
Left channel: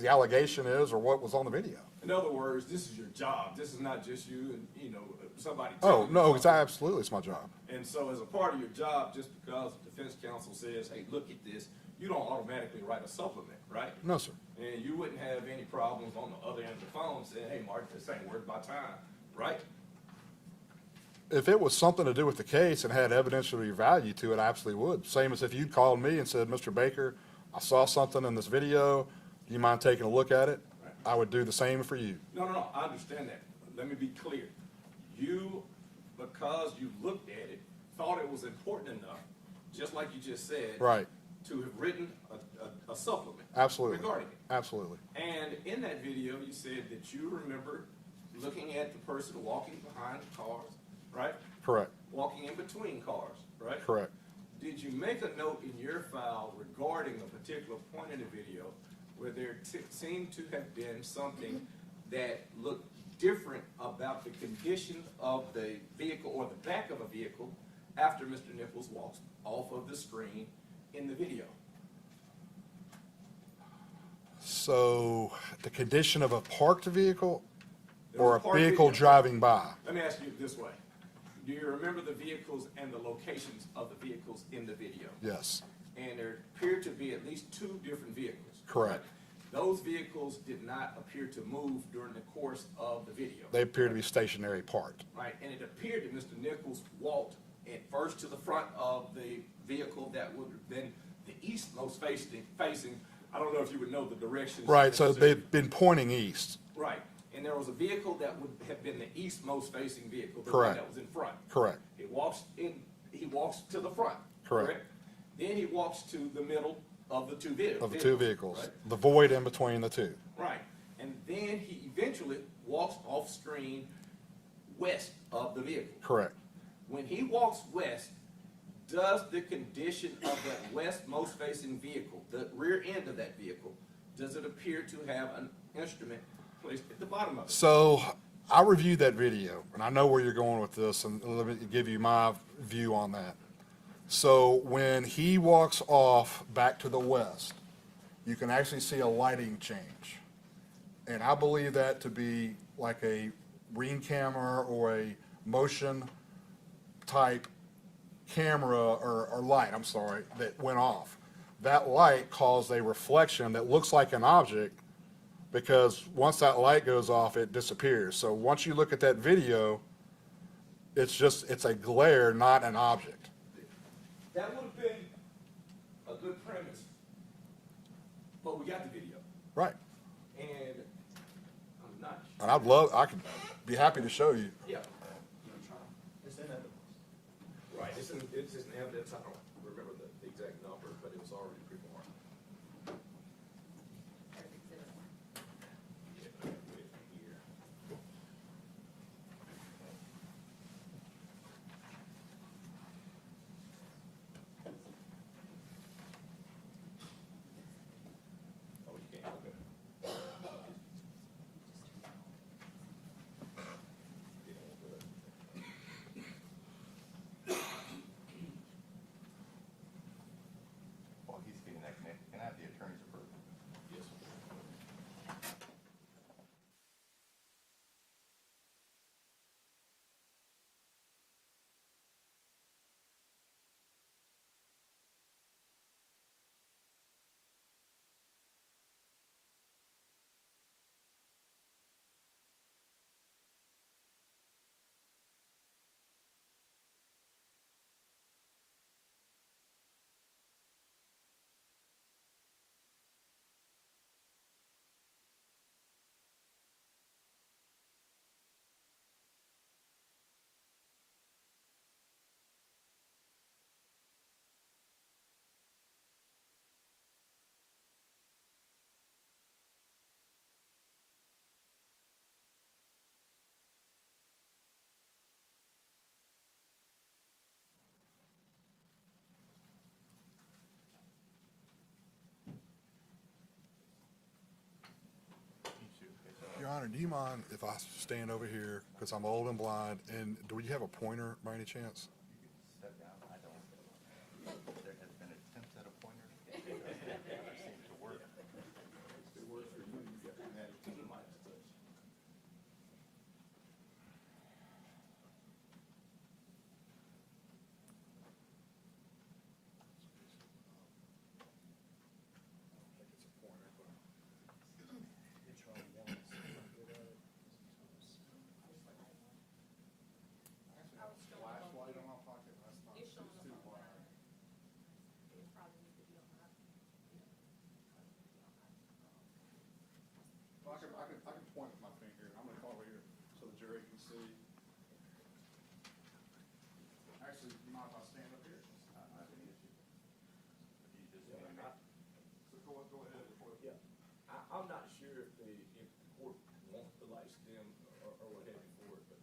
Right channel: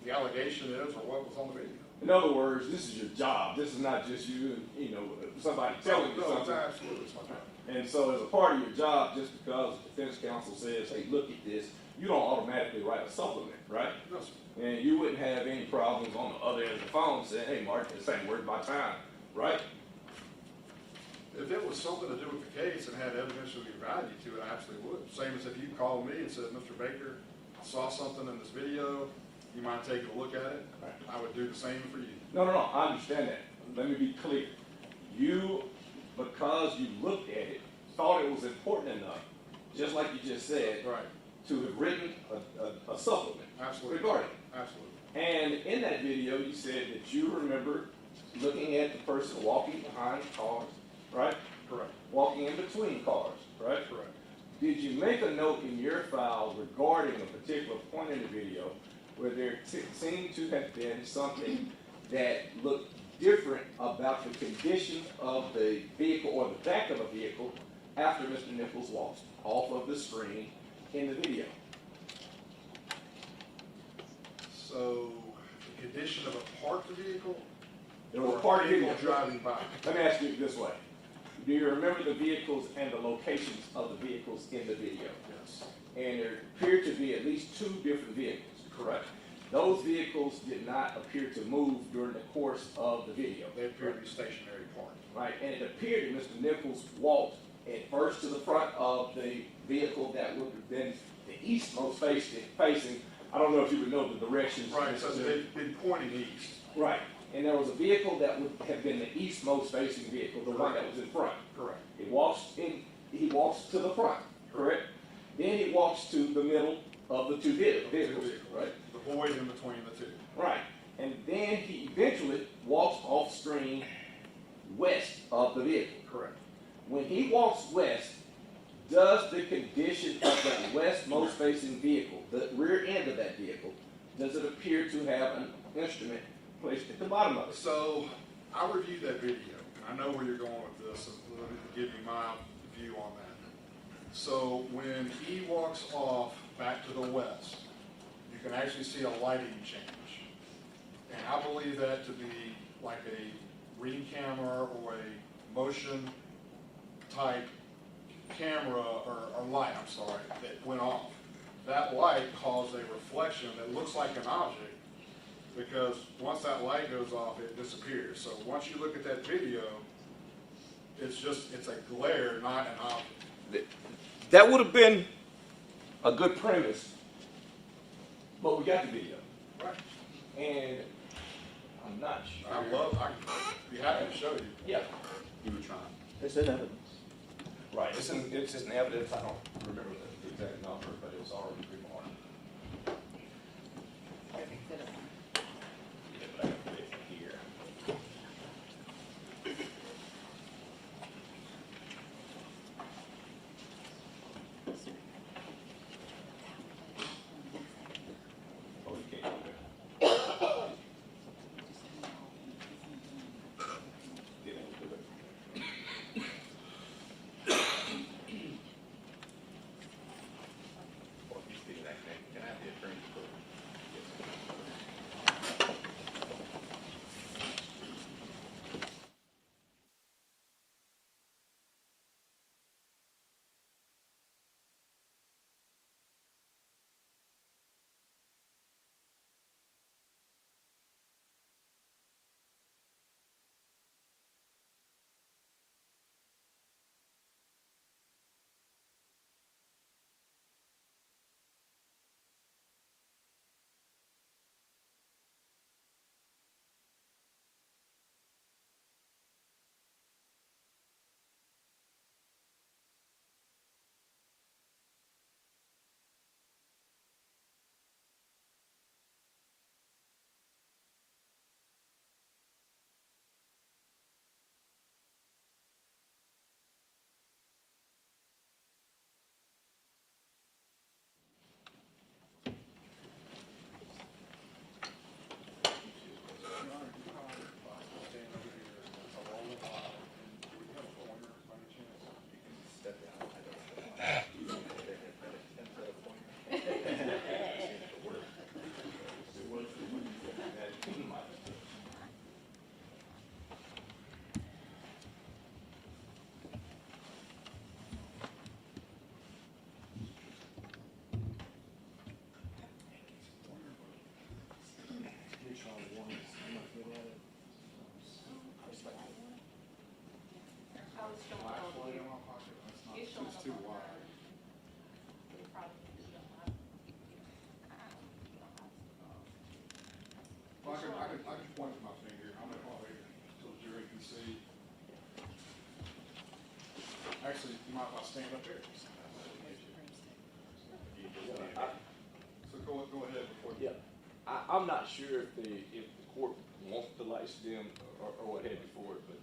the allegation is or what was on the video. In other words, this is your job. This is not just you and, somebody Oh, telling you no, it's something. absolutely, it's my job. And so as a part of your job, just because the defense counsel says, hey, look at this, you don't automatically write a supplement, right? No, sir. And you wouldn't have any problems on the other end of the phone saying, hey, Mark, this ain't worth my time, right? If it was something to do with the case and had evidentiary value to it, I absolutely would. Same as if you called me and said, Mr. Baker, I saw something in this video, you mind taking a look at it? I would do the same for you. No, I understand that. Let me be clear. You, because you looked at it, thought it was important enough, just like you just said, Right, to have written a supplement. absolutely, Regarding it. absolutely. And in that video, you said that you remember looking at the person walking behind cars, right? Correct, Walking in between cars, right? correct. Did you make a note in your file regarding a particular point in the video where there seemed to have been something that looked different about the condition of the vehicle or the back of a vehicle after Mr. Nichols walks off of the screen in the video? So, the condition of a parked vehicle or A parked a vehicle vehicle. driving by? Let me ask you this way. Do you remember the vehicles and the locations of the vehicles in the video? Yes, And there appeared to be at least two different vehicles. correct. Those vehicles did not appear to move during the course of the video. They appear to be stationary parked. Right, and it appeared that Mr. Nichols walked at first to the front of the vehicle that would have been the eastmost facing. I don't know if you would know the directions. Right, so they've been pointing east. Right, and there was a vehicle that would have been the eastmost facing vehicle, the one Correct. that was in front. Correct, He walks to the front, Correct. correct? Then he walks to the middle of the two vehicles. of the two vehicles. Right, The void in between the two. right, and then he eventually walks off screen west of the vehicle. Correct. When he walks west, does the condition of that westmost facing vehicle, the rear end of that vehicle, does it appear to have an instrument placed at the bottom of it? So, I reviewed that video, and I know where you're going with this, and let me give you my view on that. So, when he walks off back to the west, you can actually see a lighting change. And I believe that to be like a ring camera or a motion type camera or light, I'm sorry, that went off. That light caused a reflection that looks like an object, because once that light goes off, it disappears. So once you look at that video, it's a glare, not an object. That would have been a good premise, but we got the video, Right. and I'm not sure. And I could be happy to show you. Yeah, It's in evidence. right, it's in evidence, I don't remember the exact number, but it was already remarked. Here. Oh, you can't do it. Didn't do it. Or you mind if I stand over here, because I'm old and blind, and do you have a pointer by any chance? Step down, I don't know. I can point with my finger. I'm gonna call here so the jury can see. Actually, you might want to stand up here. So go ahead before you. Yeah, I'm not sure if the court wants to license them or what have you for it, but.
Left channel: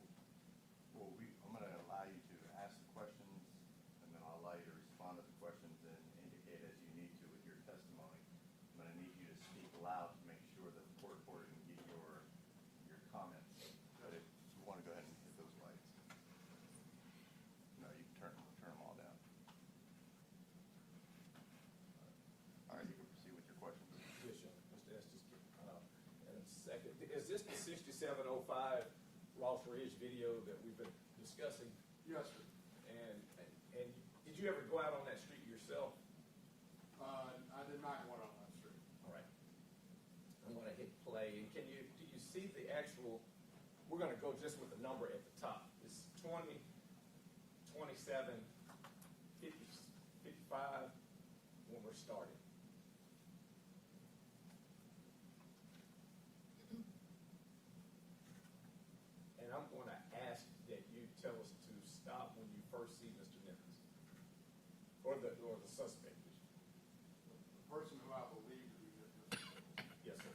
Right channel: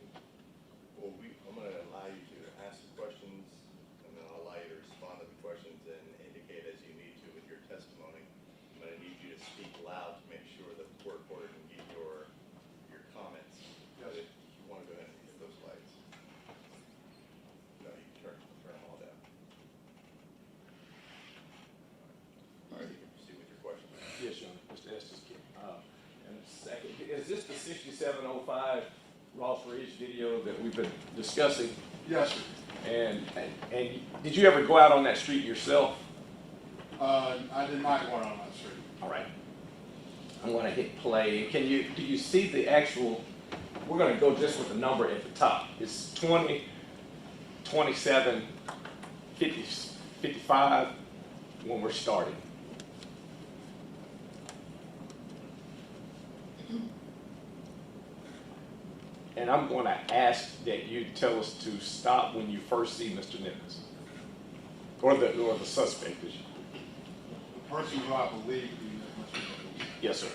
Well, I'm gonna allow you to ask the questions, and then I'll allow you to respond to the questions and indicate as you need to with your testimony. But I need you to speak loud to make sure that the court reporter can get your comments. But if you wanna go ahead and hit those lights. No, you can turn them all down. All right, you can proceed with your questions. Yes, Your Honor, Mr. Estes. And second, is this the 6705 Ross Ridge video that we've been discussing? Yes, sir. And did you ever go out on that street yourself? I did not go out on that street. All right. I'm gonna hit play. Do you see the actual, we're gonna go just with the number at the top. It's 20, 27, 50, 55 when we're starting. And I'm going to ask that you tell us to stop when you first see Mr. Nichols, or the suspect. The person who I believe is Mr. Nichols. Yes, sir.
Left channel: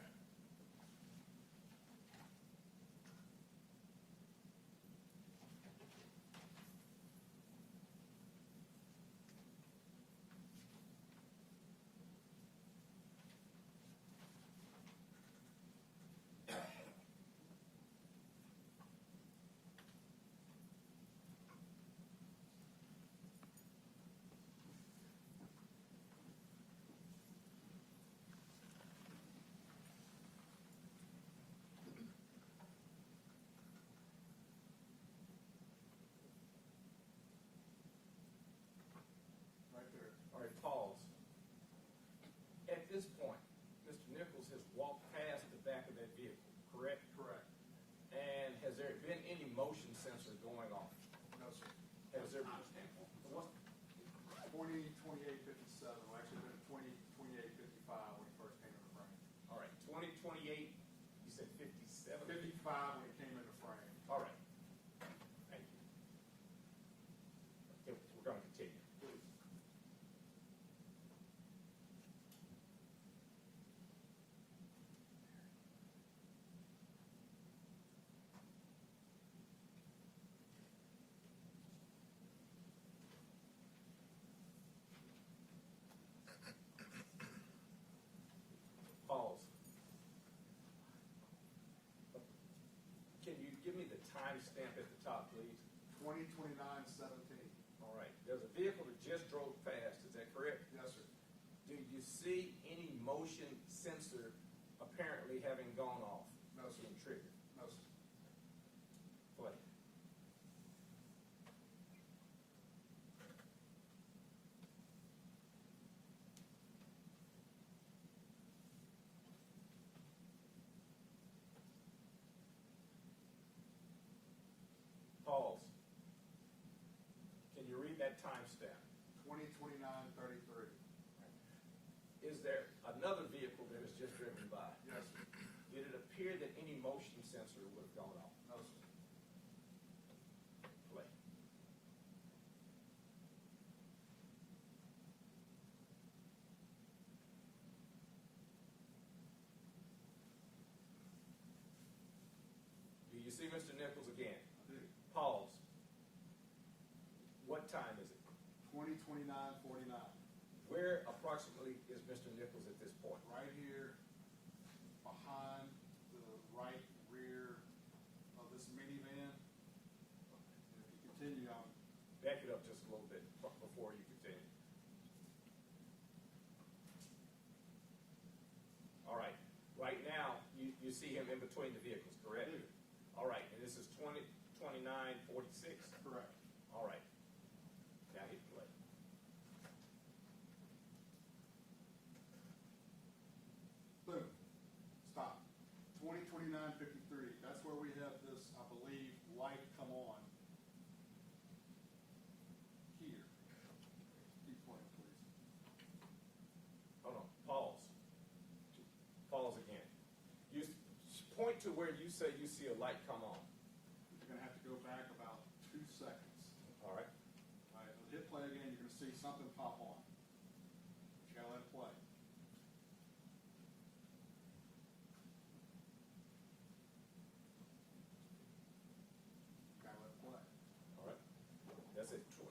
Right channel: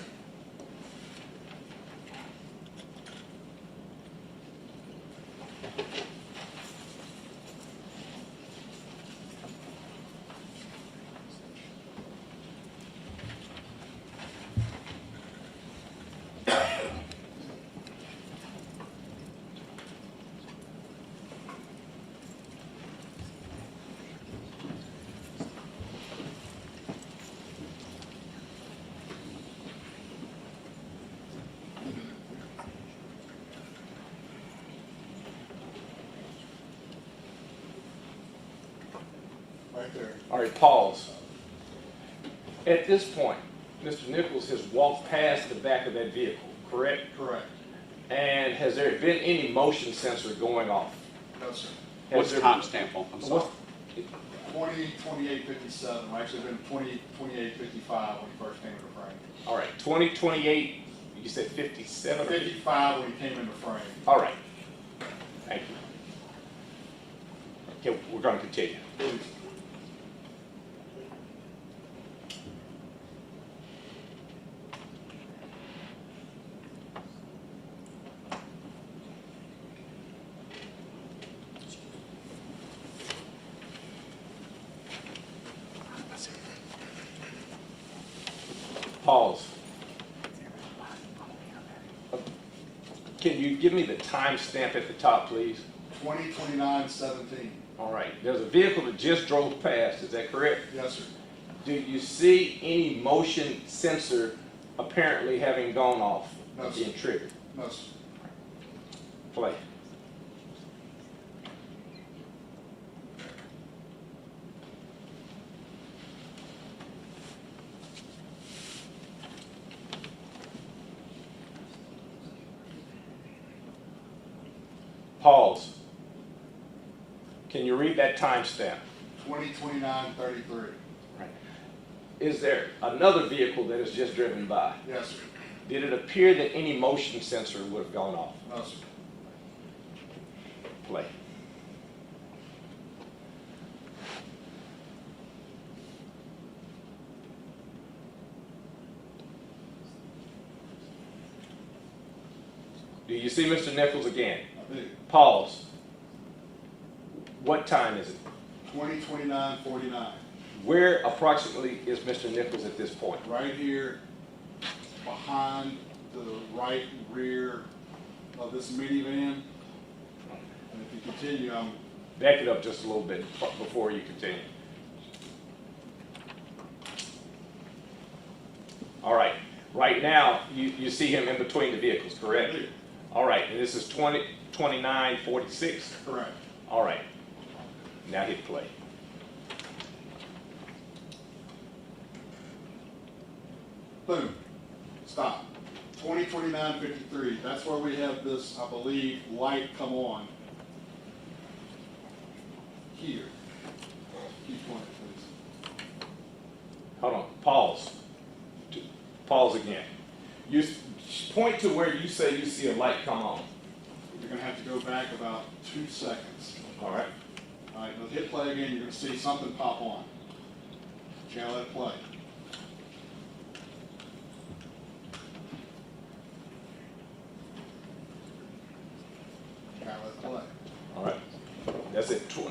Right there. All right, pause. At this point, Mr. Nichols has walked past the back of that vehicle, correct? Correct. And has there been any motion sensor going off? No, sir. What's the timestamp on? I'm sorry. 20/28/57. Well, actually, been 20/28/55 when he first came into frame. All right, 2028, you said 57? 55 when he came into frame. All right. Thank you. Okay, we're going to continue. Please. Pause. Can you give me the timestamp at the top, please? 20/29/17. All right, there's a vehicle that just drove past, is that correct? Yes, sir. Do you see any motion sensor apparently having gone off, No, sir. being triggered? No, sir. Play. Pause. Can you read that timestamp? 20/29/33. Right. Is there another vehicle that has just driven by? Yes, sir. Did it appear that any motion sensor would have gone off? No, sir. Play. Do you see Mr. Nichols again? I do. Pause. What time is it? 20/29/49. Where approximately is Mr. Nichols at this point? Right here behind the right rear of this minivan. And if you continue, Back it up just a little bit before you continue. All right. Right now, you see him in between the vehicles, correct? Clear. All right. And this is 2946. Correct. All right. Now hit play. Boom. Stop. 202953. That's where we have this, I believe, light come on. Here. Keep going, please. Hold on. Pause. Pause again. You point to where you say you see a light come on. You're going to have to go back about 2 seconds. All right. All right, now hit play again. You're going to see something pop on. Okay, let it play. Okay, let it play. All right. That's it. 20.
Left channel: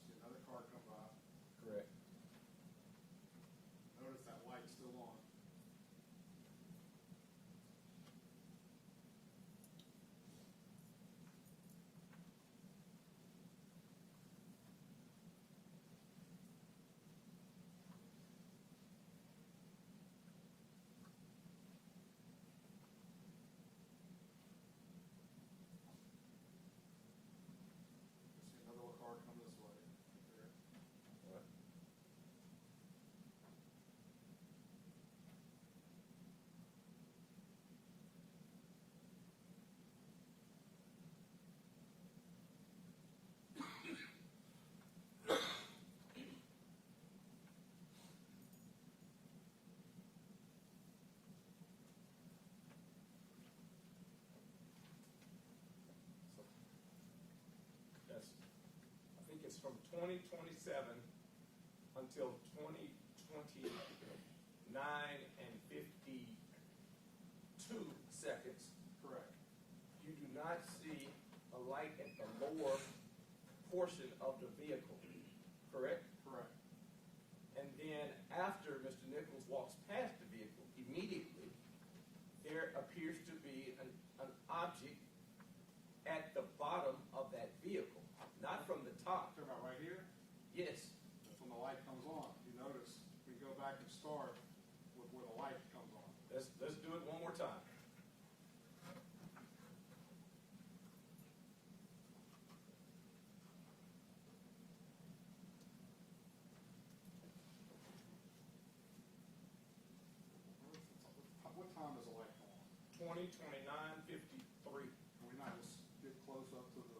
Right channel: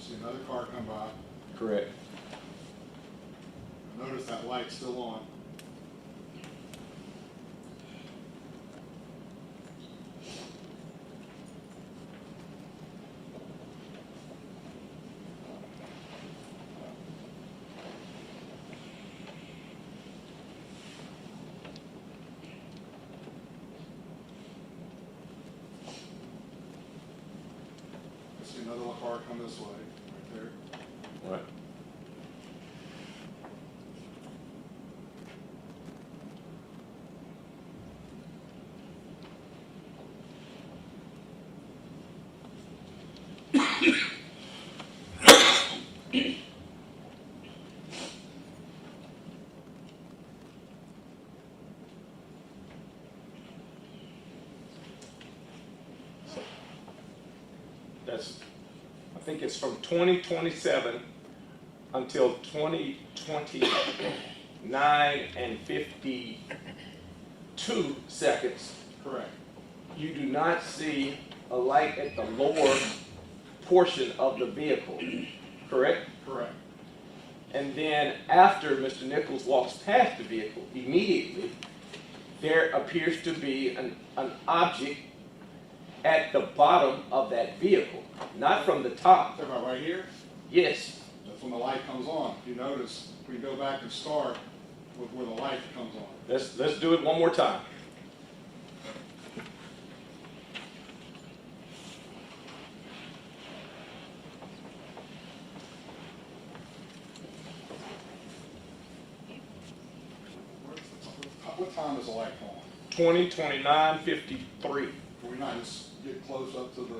See another car come by. Correct. Notice that light's still on. See another car come this way, right there. All right. That's, I think it's from 2027 until 2029 and 52 seconds. Correct. You do not see a light at the lower portion of the vehicle, correct? Correct. And then after Mr. Nichols walks past the vehicle, immediately, there appears to be an object at the bottom of that vehicle, not from the top. Talking about right here? Yes. That's when the light comes on. If you notice, we go back and start with where the light comes on. Let's do it one more time. What time is the light on? 2029:53. Can we not just get close up to the,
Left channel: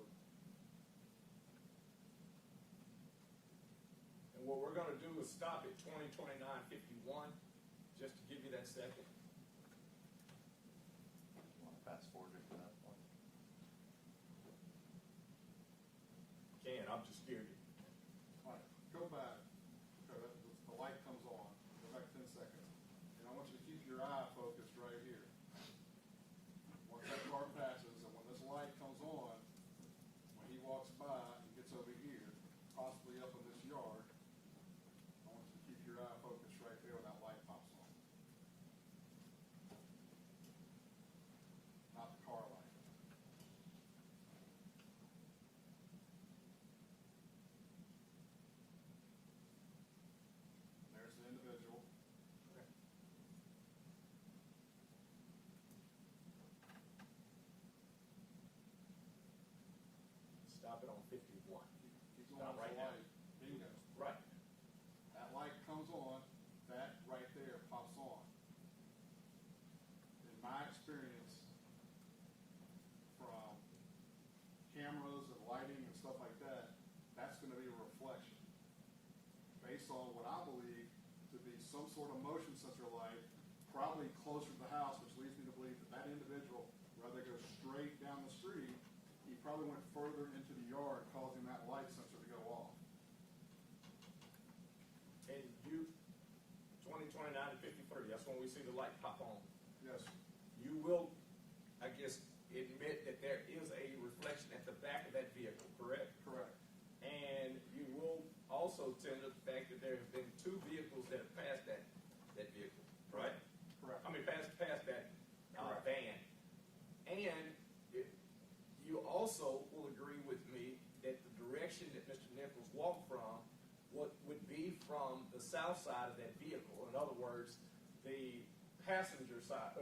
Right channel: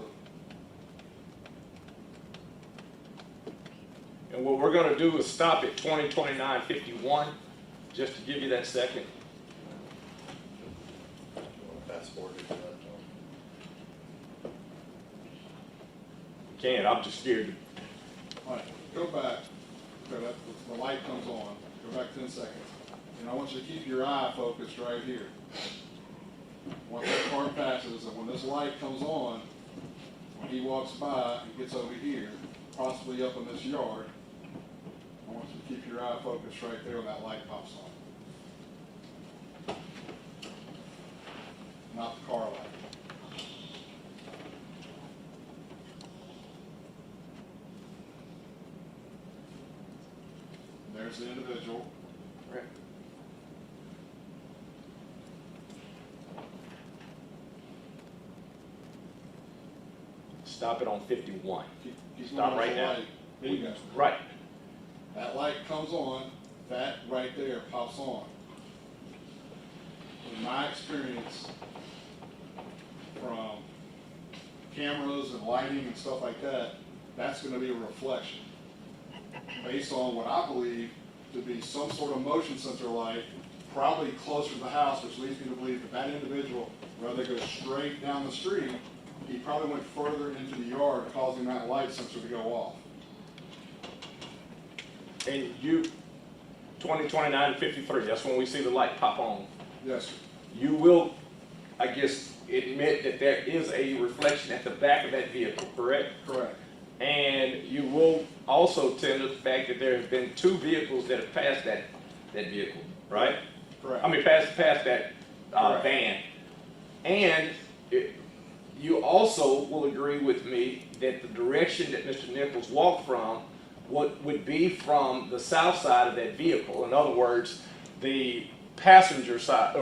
And what we're gonna do is stop at 2029:51, just to give you that second. You want to fast forward to that? Can't, I'm just scared. all right, go back. Okay, the light comes on. Go back 10 seconds. And I want you to keep your eye focused right here. Once that car passes, and when this light comes on, when he walks by and gets over here, possibly up in this yard, I want you to keep your eye focused right there when that light pops on. Not the car light. There's the individual. Right. stop it on 51. He's Stop going right off the now. light. Bingo. Right. That light comes on, that right there pops on. In my experience, from cameras and lighting and stuff like that, that's gonna be a reflection. Based on what I believe to be some sort of motion sensor light, probably closer to the house, which leads me to believe that that individual, rather than go straight down the street, he probably went further into the yard, causing that light sensor to go off. And you, 20, 29, 53, that's when we see the light pop on. Yes, sir. You will, I guess, admit that there is a reflection at the back of that vehicle, correct? Correct. And you will also tend to the fact that there have been 2 vehicles that have passed that vehicle, right? Correct. I mean, passed that Correct. van. And you also will agree with me that the direction that Mr. Nichols walked from would be from the south side of that vehicle. In other words, the passenger side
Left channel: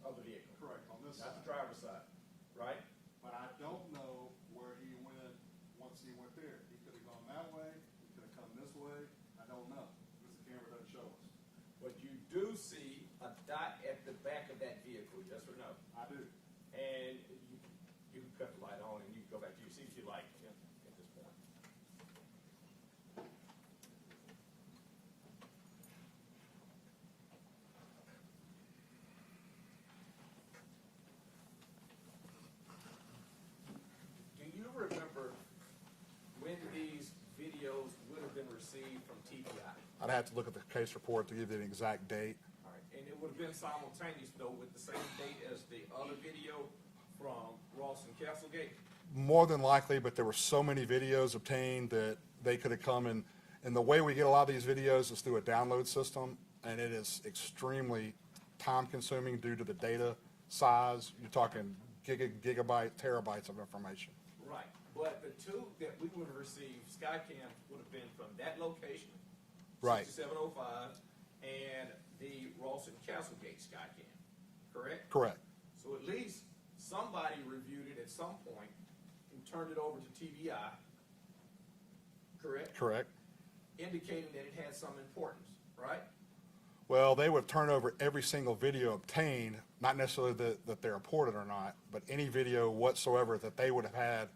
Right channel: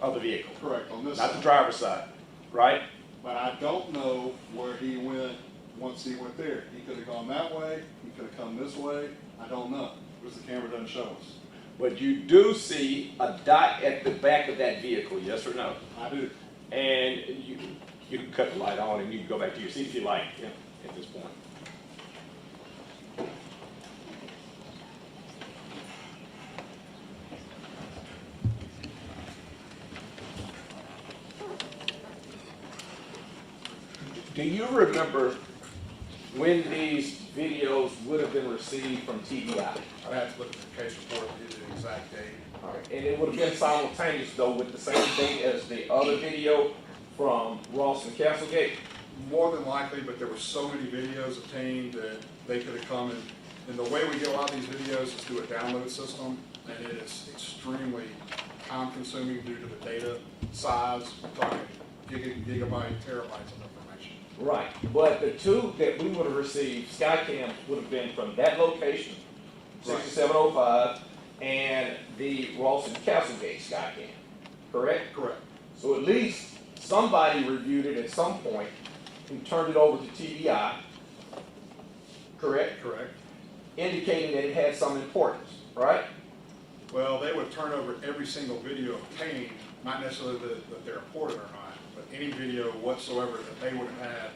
of the vehicle, Correct, on this not the side. driver's side, right? But I don't know where he went once he went there. He could have gone that way, he could have come this way, I don't know, because the camera doesn't show us. But you do see a dot at the back of that vehicle, yes or no? I do. And you can cut the light on and you can go back to your seat if you like, at this point. Do you remember when these videos would have been received from TBI? I have to look at the case report to give the exact date. All right, and it would have been simultaneous though with the same date as the other video from Ross and Castlegate? More than likely, but there were so many videos obtained that they could have come and the way we get a lot of these videos is through a download system, and it is extremely time consuming due to the data size. We're talking gigabyte, terabytes of information. Right, but the 2 that we would have received, Skycam would have been from that location, Right. 6705, and the Ross and Castlegate Skycam, correct? Correct. So at least somebody reviewed it at some point and turned it over to TBI, correct? Correct. Indicating that it had some importance, right? Well, they would turn over every single video obtained, not necessarily that they're reported or not, but any video whatsoever that they would have had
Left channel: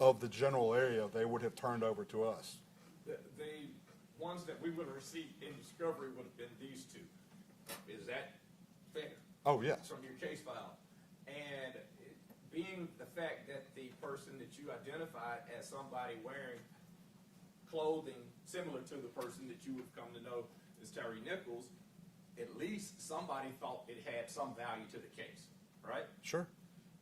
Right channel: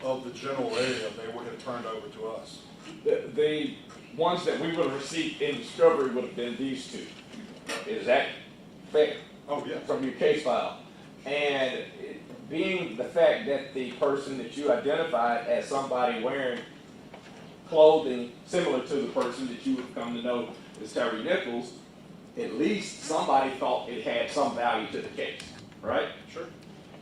of the general area, they would have turned over to us. The ones that we would have received in discovery would have been these 2. Is that fair? Oh, yes. From your case file? And being the fact that the person that you identified as somebody wearing clothing similar to the person that you would come to know as Tyre Nichols, at least somebody thought it had some value to the case, right? Sure.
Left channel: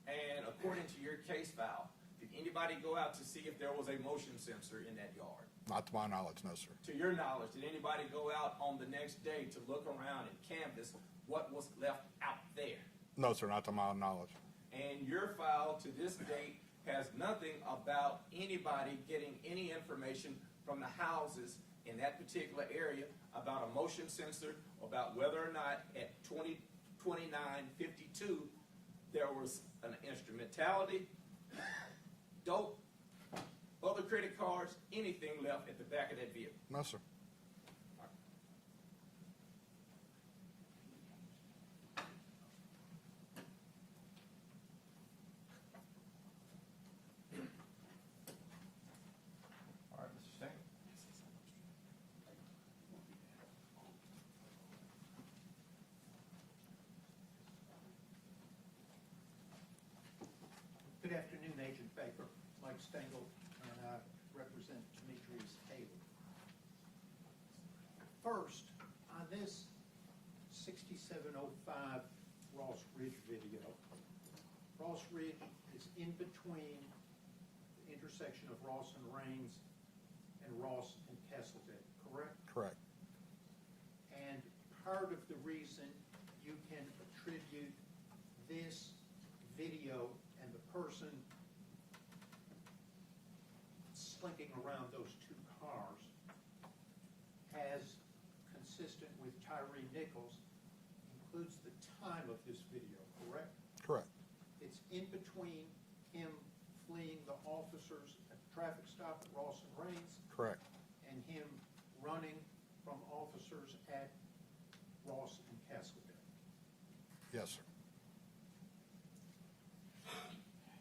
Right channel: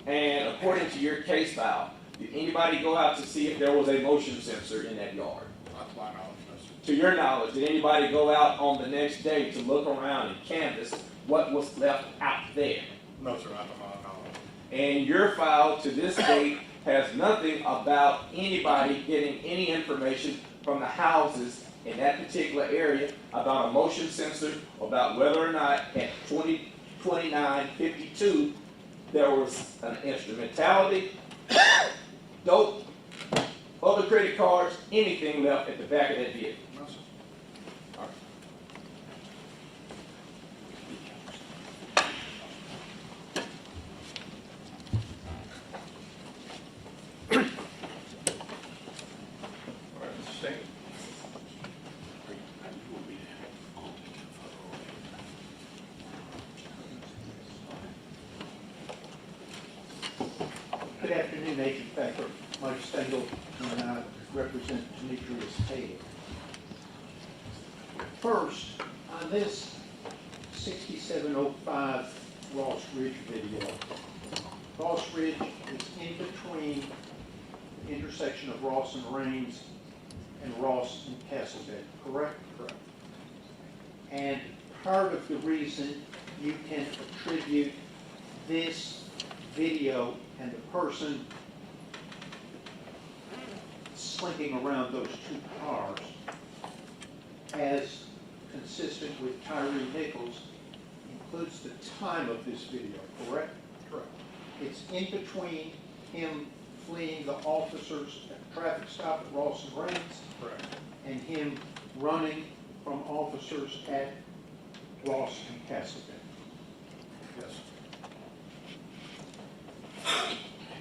And according to your case file, did anybody go out to see if there was a motion sensor in that yard? Not to my knowledge, Mr. To your knowledge, did anybody go out on the next day to look around and canvass what was left out there? No, sir, not to my knowledge. And your file to this date has nothing about anybody getting any information from the houses in that particular area about a motion sensor, about whether or not at 2029-52 there was an instrumentality, dope, other credit cards, anything left at the back of that vehicle. No, sir. Good afternoon, Agent Becker, Mike Stengel, and I represent Demetrius Taylor. First, on this 6705 Ross Ridge video, Ross Ridge is in between the intersection of Ross and Rains and Ross and Castlegate, correct? Correct. And part of the reason you can attribute this video and the person slinking around those 2 cars as consistent with Tyre Nichols includes the time of this video, correct? Correct. It's in between him fleeing the officers at the traffic stop at Ross and Rains, Correct. and him running from officers at Ross and Castleton. Yes.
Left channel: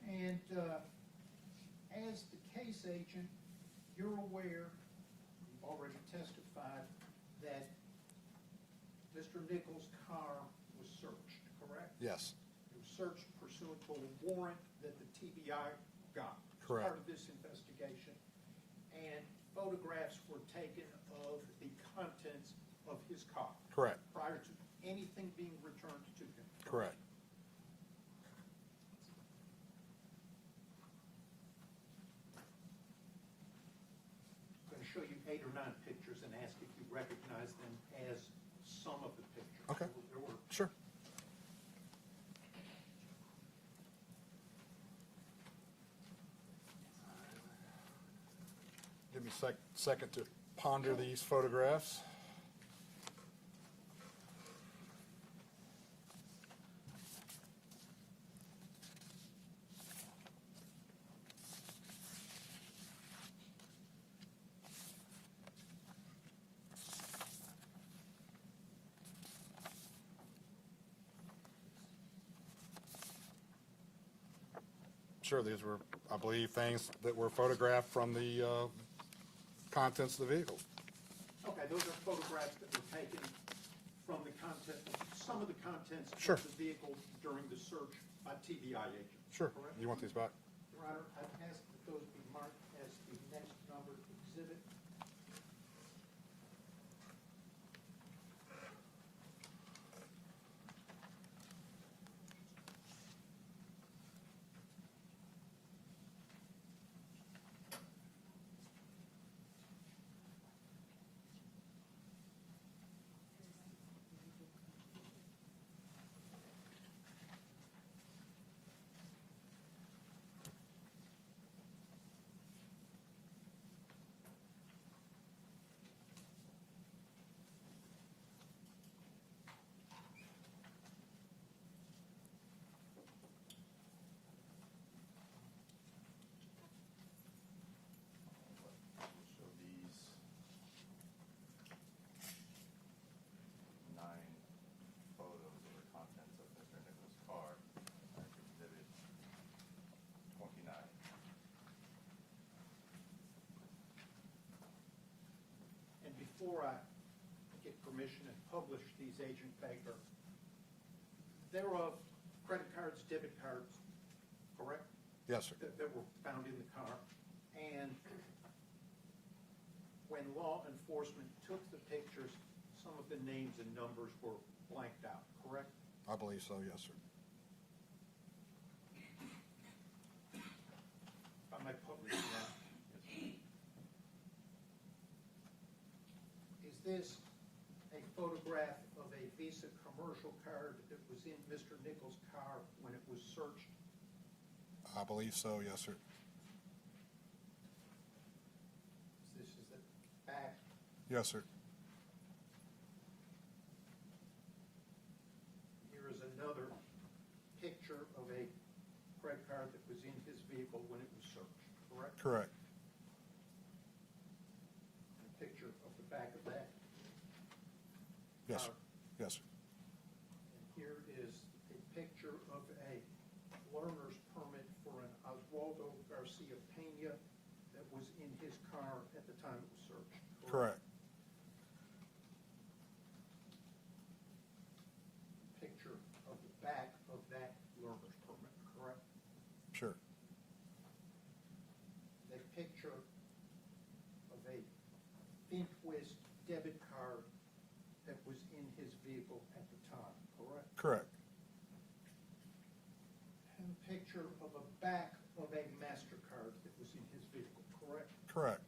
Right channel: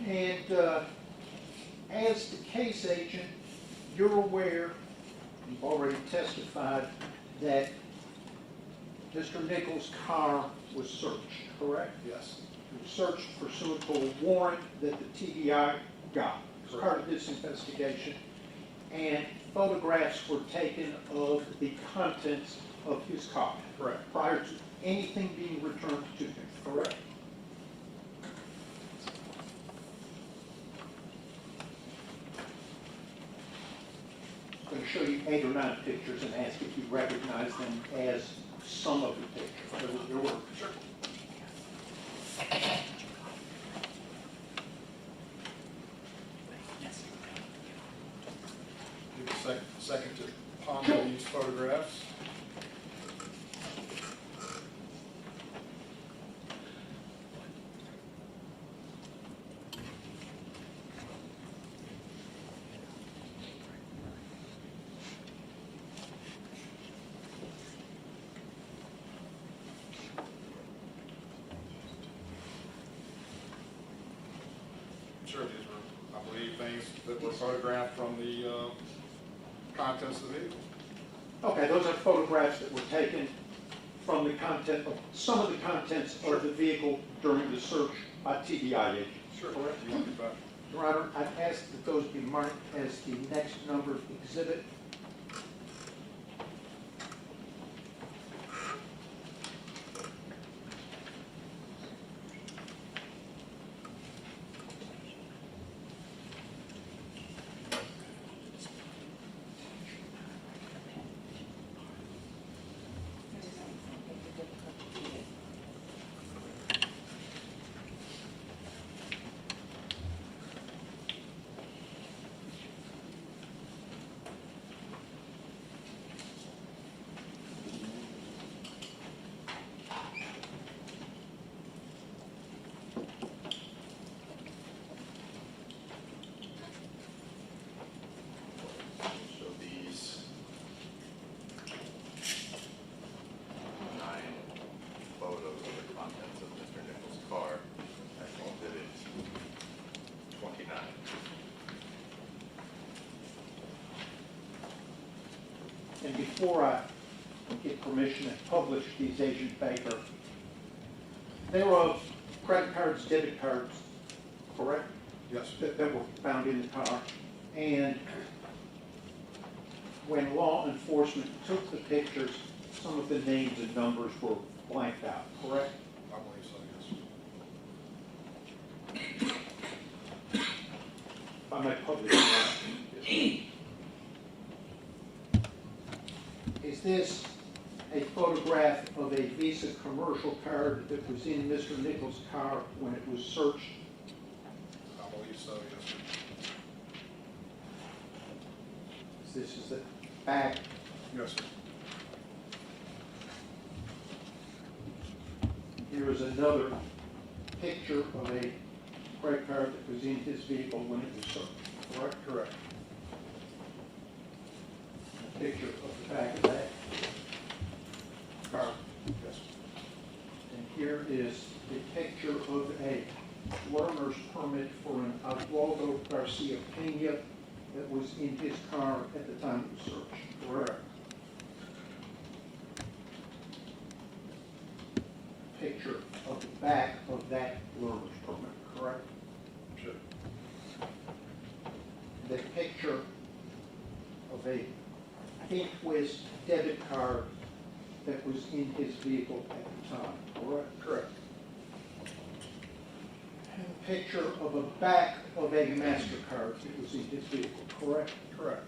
And as the case agent, you're aware, you've already testified, that Mr. Nichols' car was searched, correct? Yes. It was searched pursuant to a warrant that the TBI got as part of this investigation. And photographs were taken of the contents of his car. Correct. Prior to anything being returned to him, correct? I'm going to show you 8 or 9 pictures and ask if you recognize them as some of the pictures. There were. Sure. Give me a second to ponder these photographs. Sure, these were, I believe, things that were photographed from the contents of the vehicle. Okay, those are photographs that were taken from the content of, some of the contents Sure. of the vehicle during the search by TBI agents. Sure. Correct? You want me back? Your Honor, I've asked that those be marked as the next numbered exhibit. So these 9 photos of the contents of Mr. Nichols' car, exhibit 29. And before I get permission to publish these, Agent Baker, they were of credit cards, debit cards, correct? Yes. That were found in the car. And when law enforcement took the pictures, some of the names and numbers were blanked out, correct? I believe so, yes. If I may publish that. Is this a photograph of a Visa commercial card that was in Mr. Nichols' car when it was searched? I believe so, yes, sir. This is the back. Yes, sir. Here is another picture of a credit card that was in his vehicle when it was searched, correct? Correct. A picture of the back of that Yes, card. yes. And here is a picture of a learner's permit for an Oswaldo Garcia Pena that was in his car at the time it was searched, Correct. Picture of the back of that learner's permit, correct? Sure. The picture of a Twist debit card that was in his vehicle at the time, correct? Correct. And a picture of a back of a MasterCard that was in his vehicle, correct? Correct.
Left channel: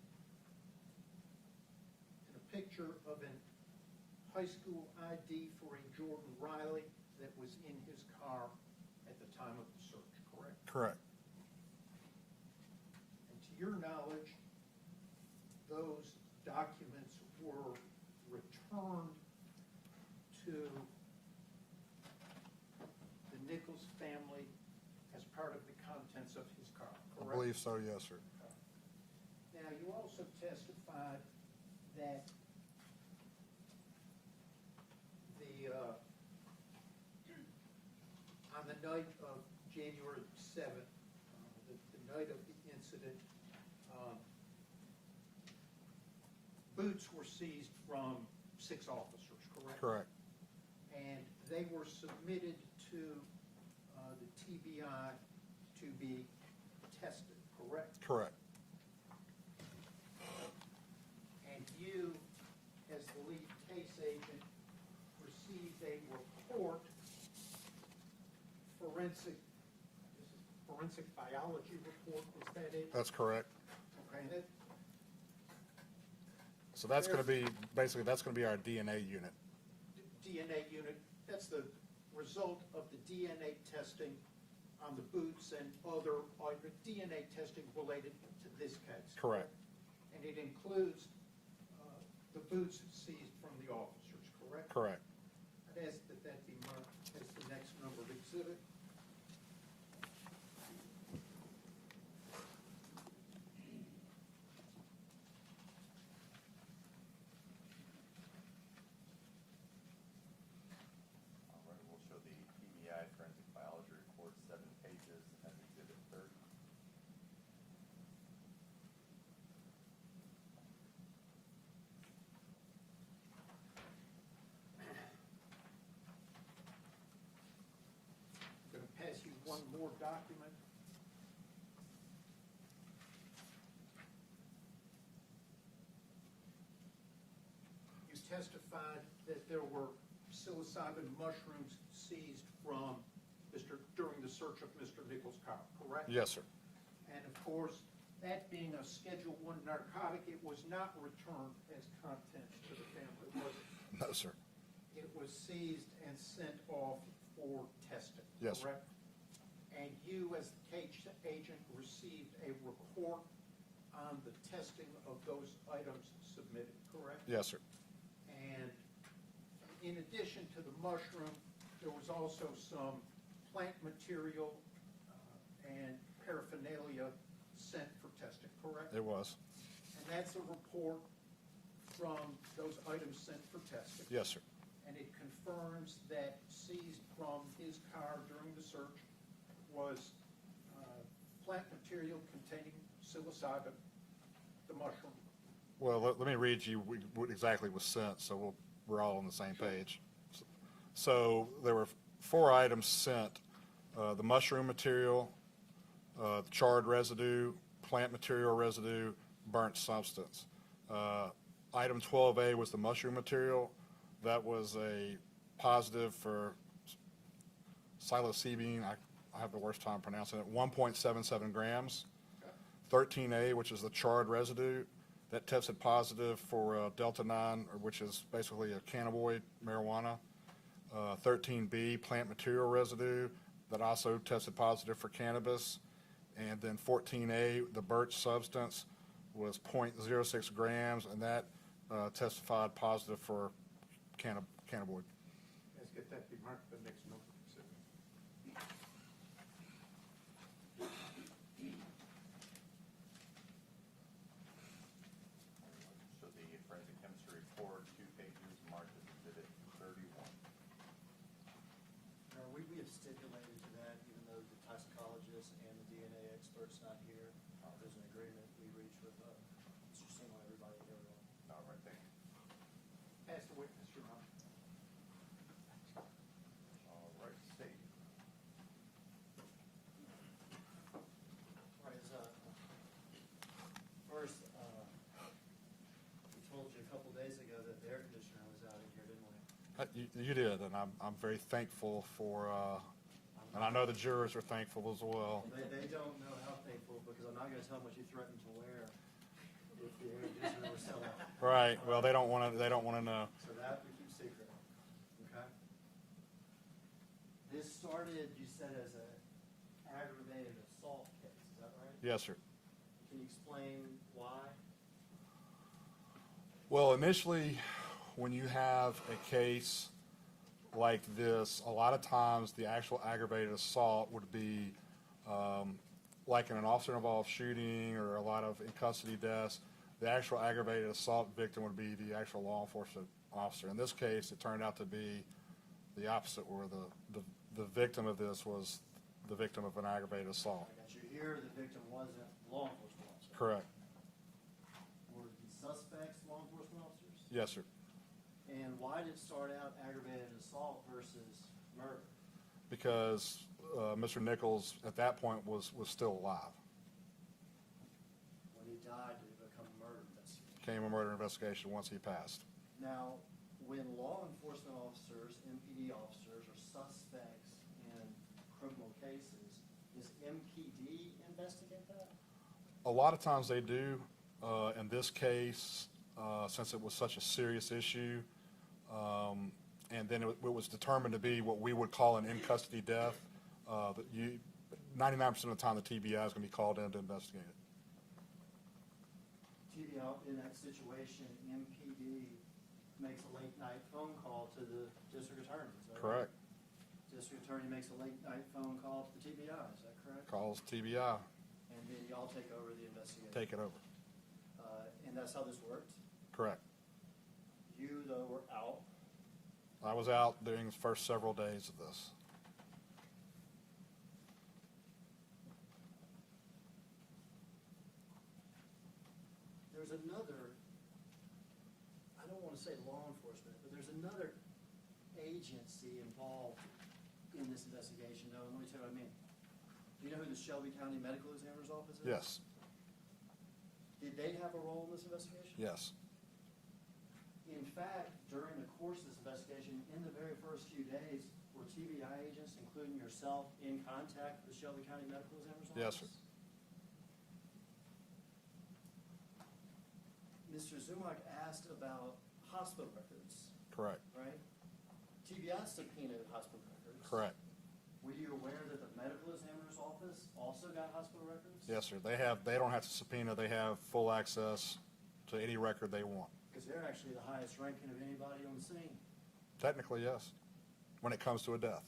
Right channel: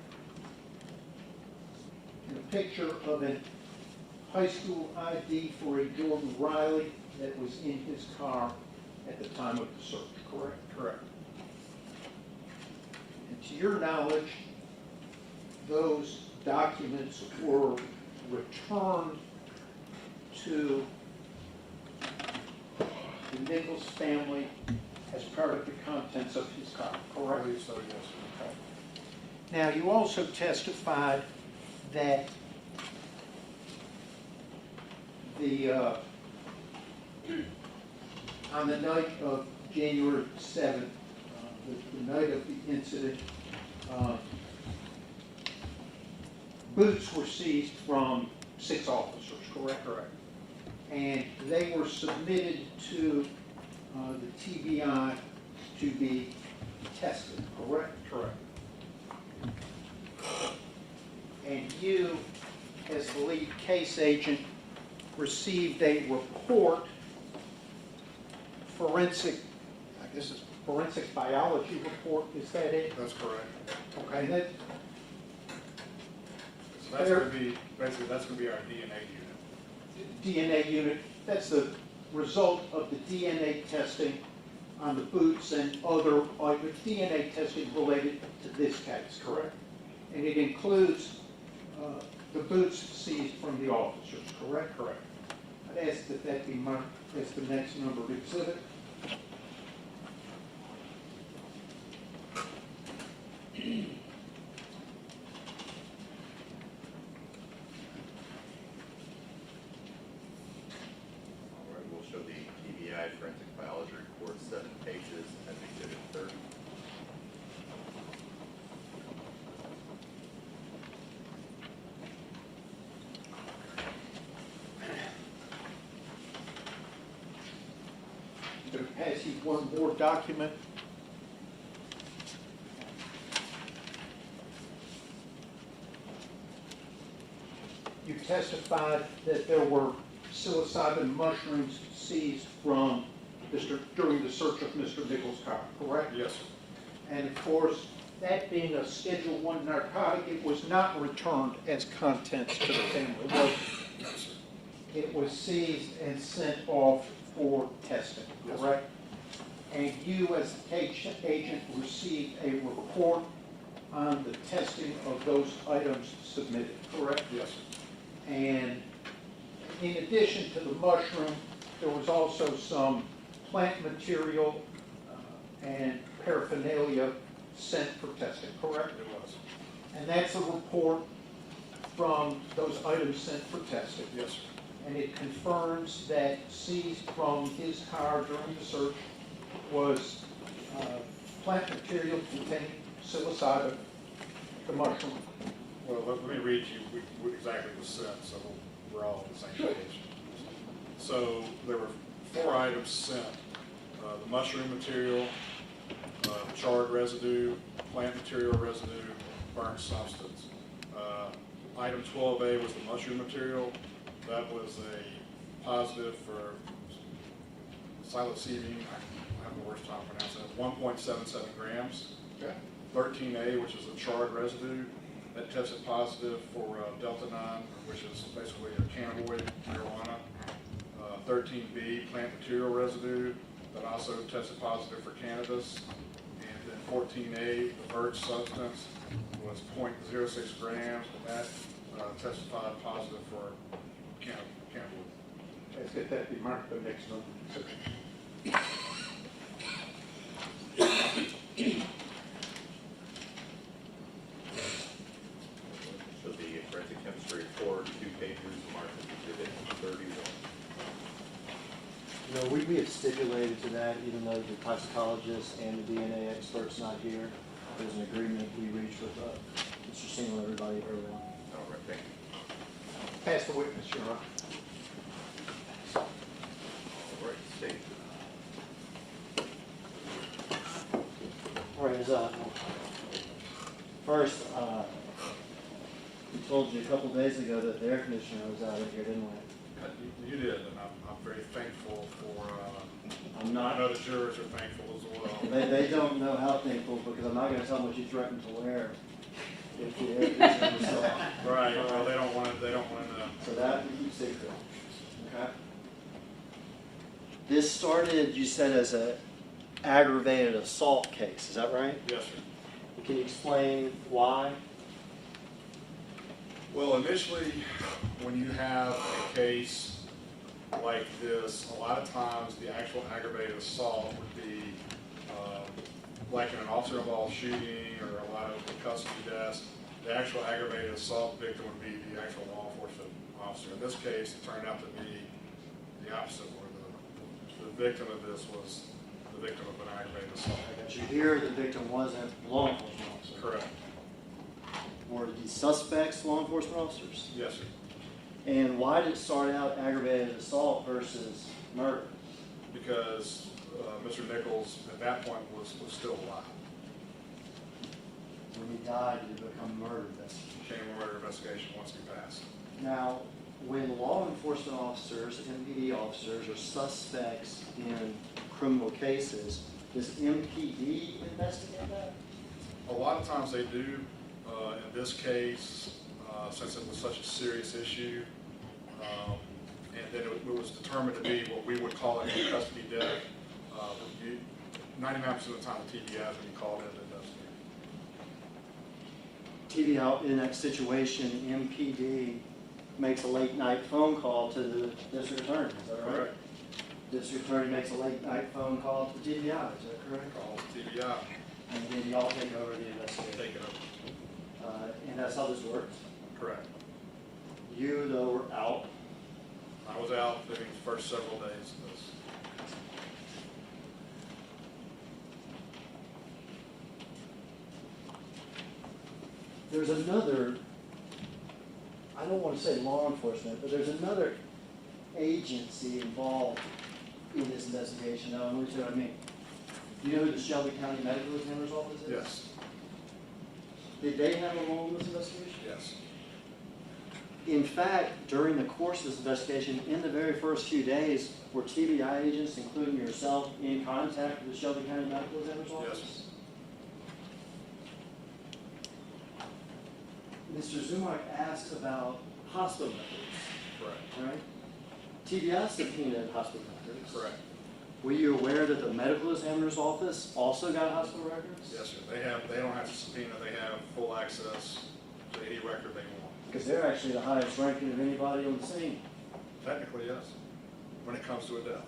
And a picture of a high school ID for a Jordan Riley that was in his car at the time of the search, correct? Correct. And to your knowledge, those documents were returned to the Nichols family as part of the contents of his car, I correct? believe so, yes, sir. Now, you also testified that on the night of January 7th, the night of the incident, boots were seized from 6 officers, correct? Correct. And they were submitted to the TBI to be tested, correct? Correct. And you, as the lead case agent, received a report, forensic biology report, is that it? That's correct. Okay, that, So that's gonna be, basically, that's gonna be our DNA unit. DNA unit, that's the result of the DNA testing on the boots and other DNA testing related to this case, correct? And it includes the boots seized from the officers, correct? Correct. I'd ask that that be marked as the next numbered exhibit. All right, we'll show the TBI forensic biology report, 7 pages, and exhibit 30. I'm going to pass you one more document. You testified that there were psilocybin mushrooms seized from during the search of Mr. Nichols' car, correct? Yes, sir. And of course, that being a Schedule I narcotic, it was not returned as contents to the family, was it? No, sir. It was seized and sent off for testing, Yes. correct? And you, as the case agent, received a report on the testing of those items submitted, correct? Yes, sir. And in addition to the mushroom, there was also some plant material and paraphernalia sent for testing, correct? It was. And that's a report from those items sent for testing. Yes, sir. And it confirms that seized from his car during the search was plant material containing psilocybin, the mushroom. Well, let me read you what exactly was sent, so we're all on the same page. So there were 4 items sent. The mushroom material, charred residue, plant material residue, burnt substance. Item 12A was the mushroom material. That was a positive for psilocybin, I have the worst time pronouncing it, 1.77 grams. Okay. 13A, which is a charred residue, that tested positive for delta-9, which is basically a cannabinoid marijuana. 13B, plant material residue, that also tested positive for cannabis. And then 14A, the burnt substance, was 0.06 grams, and that testified positive for cannabinoid. Let's get that be marked the next one. So the forensic chemistry report, 2 pages, marked as exhibit 31. No, we have stipulated to that, even though the toxicologist and the DNA expert's not here. There's an agreement we reached with Mr. Single and everybody early on. All right, thank you. Pass the witness, Your Honor. All right, state. All right, first, we told you a couple days ago that the air conditioner was out of here, didn't we? You did, and I'm very thankful for, I'm I not. know the jurors are thankful as well. They don't know how thankful, because I'm not gonna tell them what you threatened to wear if the air conditioner was still on. Right, well, they don't want to know. So that we keep secret, okay? This started, you said, as a aggravated assault case, is that right? Yes, sir. Can you explain why? Well, initially, when you have a case like this, a lot of times the actual aggravated assault would be Like in an officer-involved shooting or a lot of custody deaths, the actual aggravated assault victim would be the actual law enforcement officer. In this case, it turned out to be the opposite, where the victim of this was the victim of an aggravated assault. I got you here, the victim wasn't a law enforcement officer. Correct. Were the suspects law enforcement officers? Yes, sir. And why did it start out aggravated assault versus murder? Because Mr. Nichols, at that point, was still alive. When he died, did it become murder investigation? Became a murder investigation once he passed. Now, when law enforcement officers, MPD officers, are suspects in criminal cases, does MPD investigate that? A lot of times they do. In this case, since it was such a serious issue, and then it was determined to be what we would call an in-custody death, 99% of the time the TBI is when you call it in to investigate. TBI, in that situation, MPD makes a late night phone call to the district attorney, is that right? Correct. District attorney makes a late night phone call to TBI, is that correct? Calls TBI, And then y'all take over the investigation. take it up. And that's how this works. Correct. You, though, were out. I was out during the first several days of this. There's another, I don't want to say law enforcement, but there's another agency involved in this investigation. Now, let me see what I mean. Do you know who the Shelby County Medical Examiner's Office is? Yes, Did they have a role in this investigation? yes, In fact, during the course of this investigation, in the very first few days, were TBI agents, including yourself, in contact with the Shelby County Medical Examiner's Office? yes, Mr. Zumach asked about hospital records, correct, right? TBI subpoenaed hospital records. correct. Were you aware that the medical examiner's office also got hospital records? Yes, sir. They don't have to subpoena, they have full access to any record they want. Because they're actually the highest ranking of anybody on the scene. Technically, yes, when it comes to a death,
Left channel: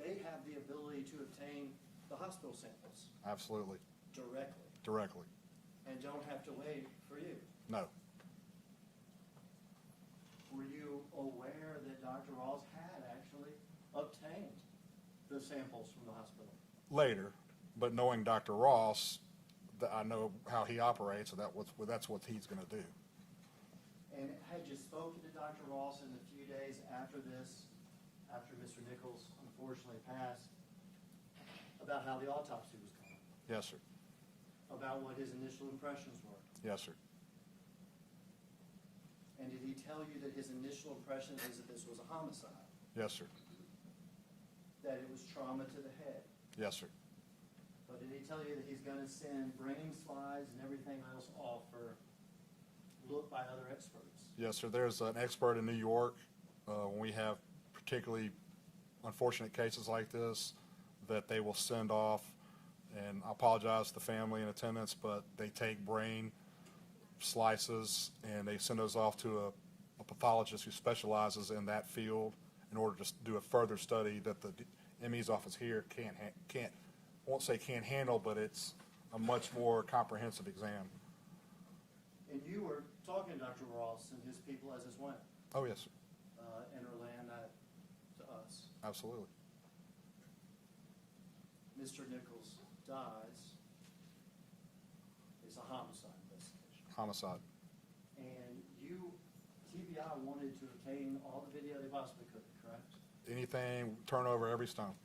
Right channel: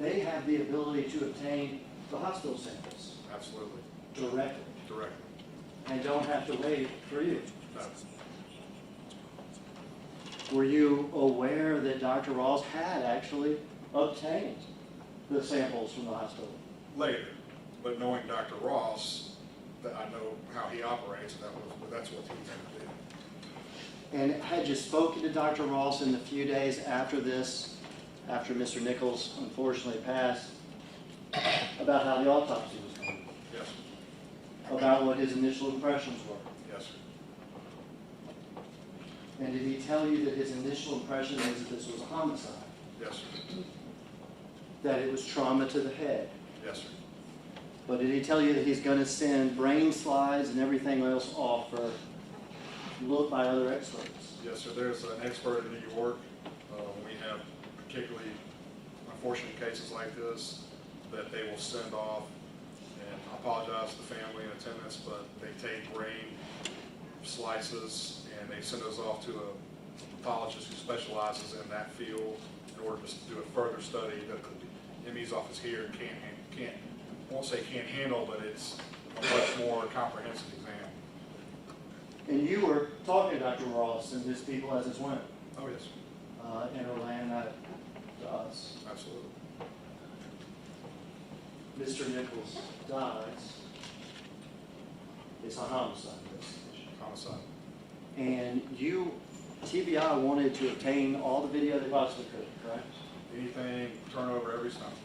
They have the ability to obtain the hospital samples absolutely, directly directly. and don't have to wait for you. No, Were you aware that Dr. Ross had actually obtained the samples from the hospital? later, but knowing Dr. Ross, that I know how he operates, that's what he's gonna do. And had you spoken to Dr. Ross in the few days after this, after Mr. Nichols unfortunately passed, about how the autopsy was going? Yes, sir. About what his initial impressions were? Yes, sir. And did he tell you that his initial impression was that this was a homicide? Yes, sir. That it was trauma to the head? Yes, sir. But did he tell you that he's gonna send brain slides and everything else off for look by other experts? Yes, sir. There's an expert in New York. We have particularly unfortunate cases like this that they will send off, and I apologize to the family and attendants, but they take brain slices and they send those off to a pathologist who specializes in that field in order to do a further study that the MD's office here can't, won't say can't handle, but it's a much more comprehensive exam. And you were talking to Dr. Ross and his people as this went, Oh, yes, and relaying that to us. absolutely. Mr. Nichols dies. It's a homicide investigation. Homicide. And you, TBI wanted to obtain all the video they possibly could, correct? Anything, turnover every time.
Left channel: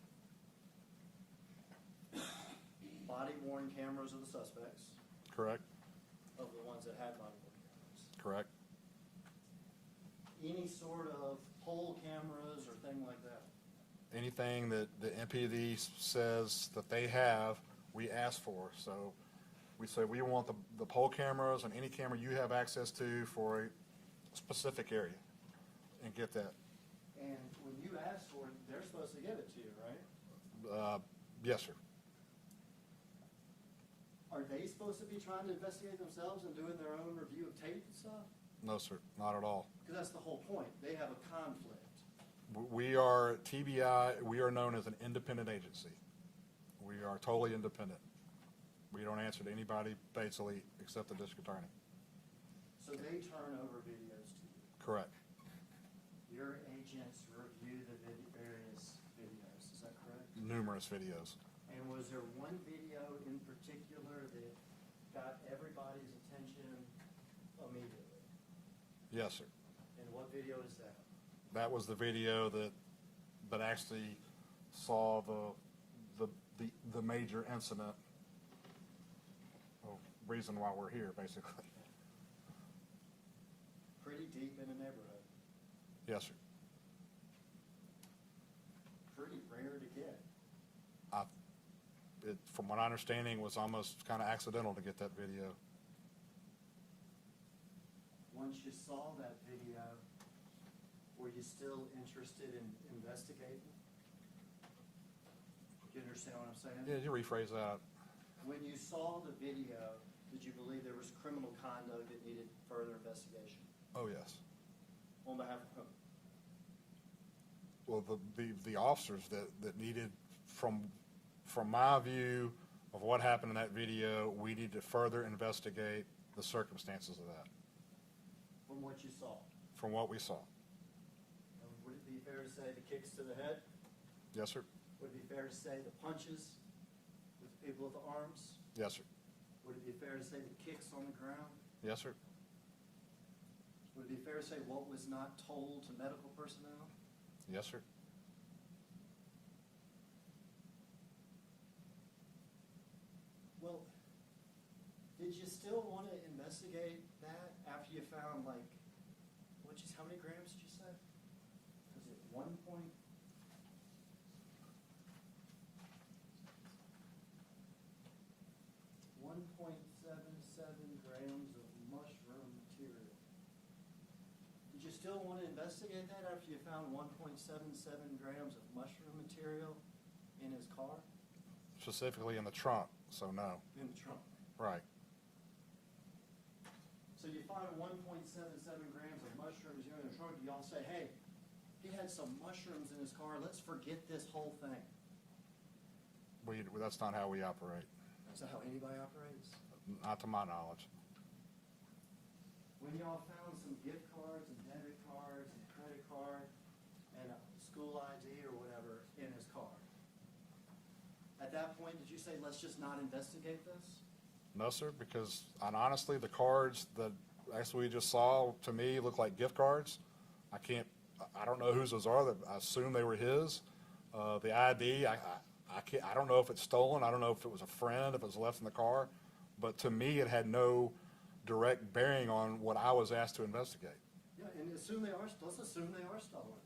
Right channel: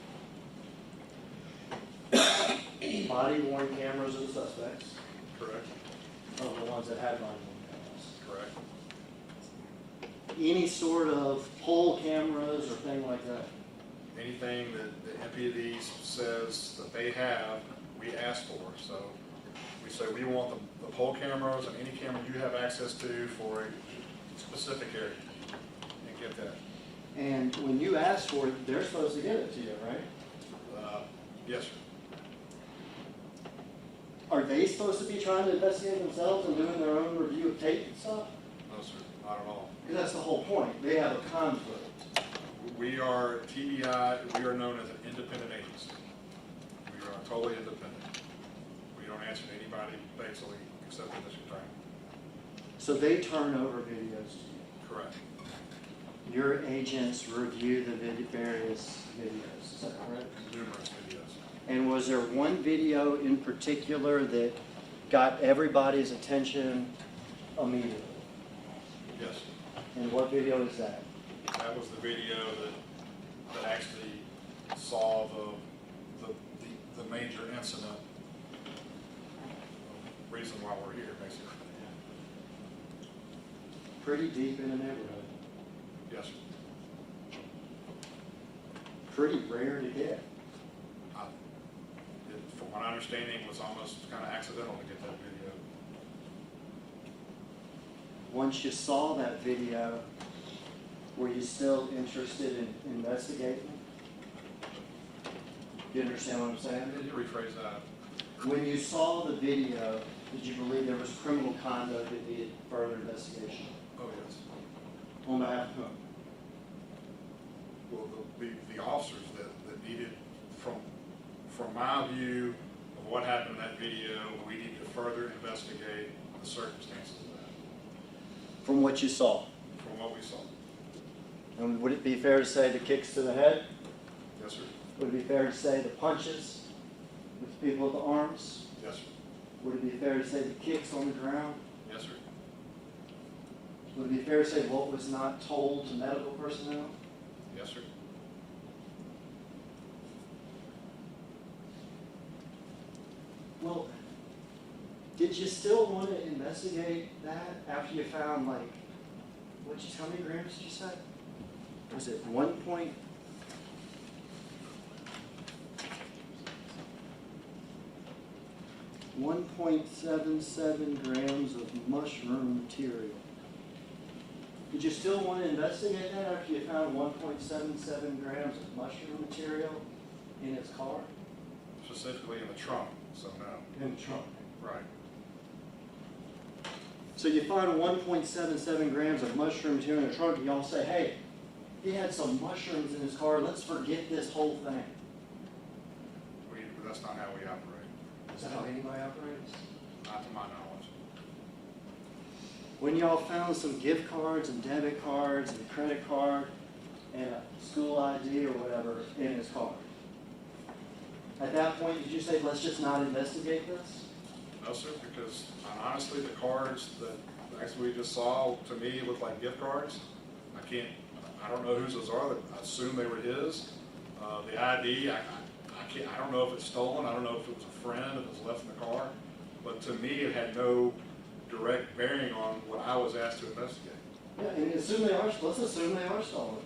Body worn cameras of the suspects, Correct, of the ones that had body worn cameras. correct. Any sort of poll cameras or thing like that? Anything that the MPD says that they have, we ask for. So we say we want the poll cameras and any camera you have access to for a specific area, and get that. And when you ask for it, they're supposed to give it to you, right? Yes, sir. Are they supposed to be trying to investigate themselves and doing their own review of tape and stuff? No, sir, not at all. Because that's the whole point. They have a conflict. We are TBI, we are known as an independent agency. totally independent. We don't answer to anybody basically except the district attorney. So they turn over videos to you. Correct. Your agents review the various videos, is that correct? Numerous videos. And was there one video in particular that got everybody's attention immediately? Yes. And what video is that? That was the video that actually saw the major incident, reason why we're here, basically. Pretty deep in the neighborhood. Yes, sir. Pretty rare to get. From my understanding, it was almost kind of accidental to get that video. Once you saw that video, were you still interested in investigating? Do you understand what I'm saying? Yeah, you rephrase that. When you saw the video, did you believe there was criminal conduct that needed further investigation? Oh, yes. On behalf of whom? Well, the officers that needed, from my view of what happened in that video, we need to further investigate the circumstances of that, From what you saw. from what we saw. And would it be fair to say the kicks to the head? Yes, sir. Would it be fair to say the punches with the people with the arms? Yes, sir. Would it be fair to say the kicks on the ground? Yes, sir. Would it be fair to say what was not told to medical personnel? Yes, sir. Well, did you still want to investigate that after you found, like, how many grams did you say? Was it 1.77 grams of mushroom material? Did you still want to investigate that after you found 1.77 grams of mushroom material in his car? Specifically in the trunk, so no. In the trunk. Right. So you find 1.77 grams of mushroom material in the trunk, and y'all say, hey, he had some mushrooms in his car, let's forget this whole thing. That's not how we operate, Is that how anybody operates? not to my knowledge. When y'all found some gift cards and debit cards and a credit card and a school ID or whatever in his car, at that point, did you say, let's just not investigate this? No, sir, because honestly, the cards that actually we just saw, to me, look like gift cards. I don't know whose those are, I assume they were his. The ID, I don't know if it's stolen, I don't know if it was a friend, if it was left in the car, but to me, it had no direct bearing on what I was asked to investigate. Yeah, and let's assume they are stolen.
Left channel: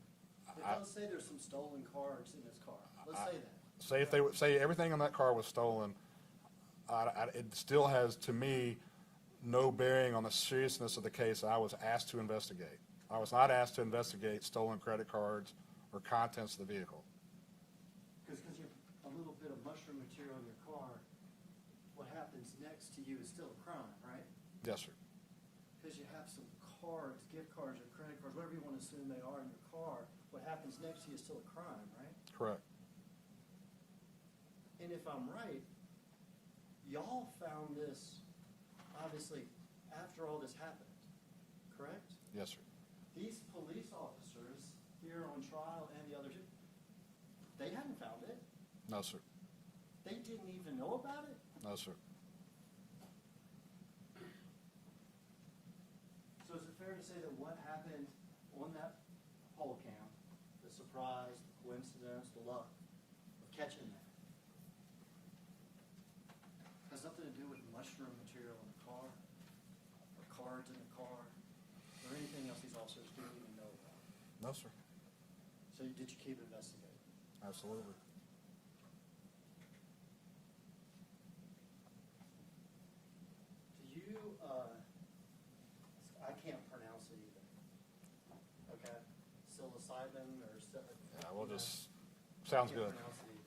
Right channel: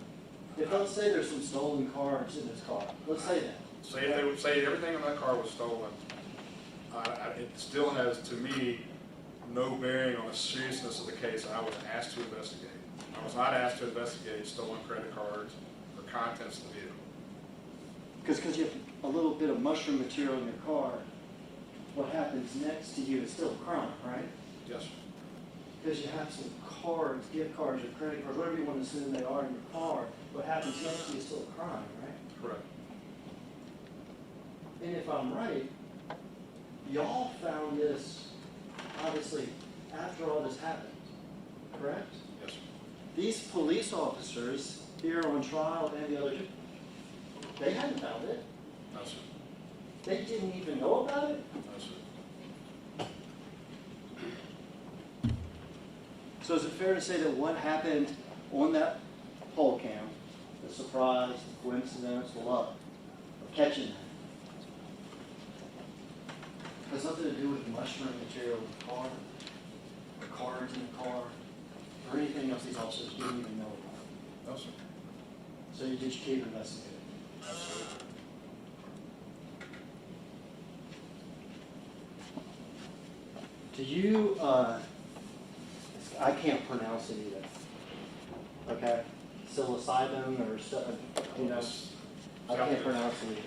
Let's say there's some stolen cards in his car, let's say that. Say they would say everything in that car was stolen, it still has, to me, no bearing on the seriousness of the case I was asked to investigate. I was not asked to investigate stolen credit cards or contents of the vehicle. Because you have a little bit of mushroom material in your car, what happens next to you is still a crime, right? Yes, sir. Because you have some cards, gift cards, or credit cards, whatever you want to assume they are in your car, what happens next to you is still a crime, right? Correct. And if I'm right, y'all found this, obviously, after all this happened, correct? Yes, sir. These police officers here on trial and the other two, they hadn't found it. No, sir. They didn't even know about it. No, sir. So is it fair to say that what happened on that poll cam, the surprise, the coincidence, the luck of catching that, has nothing to do with mushroom material in the car, or cards in the car, or anything else these officers didn't even know about? No, sir. So you just keep investigating? Absolutely. Do you, I can't pronounce it either, okay? Psilocybin or, you know, I can't pronounce it either.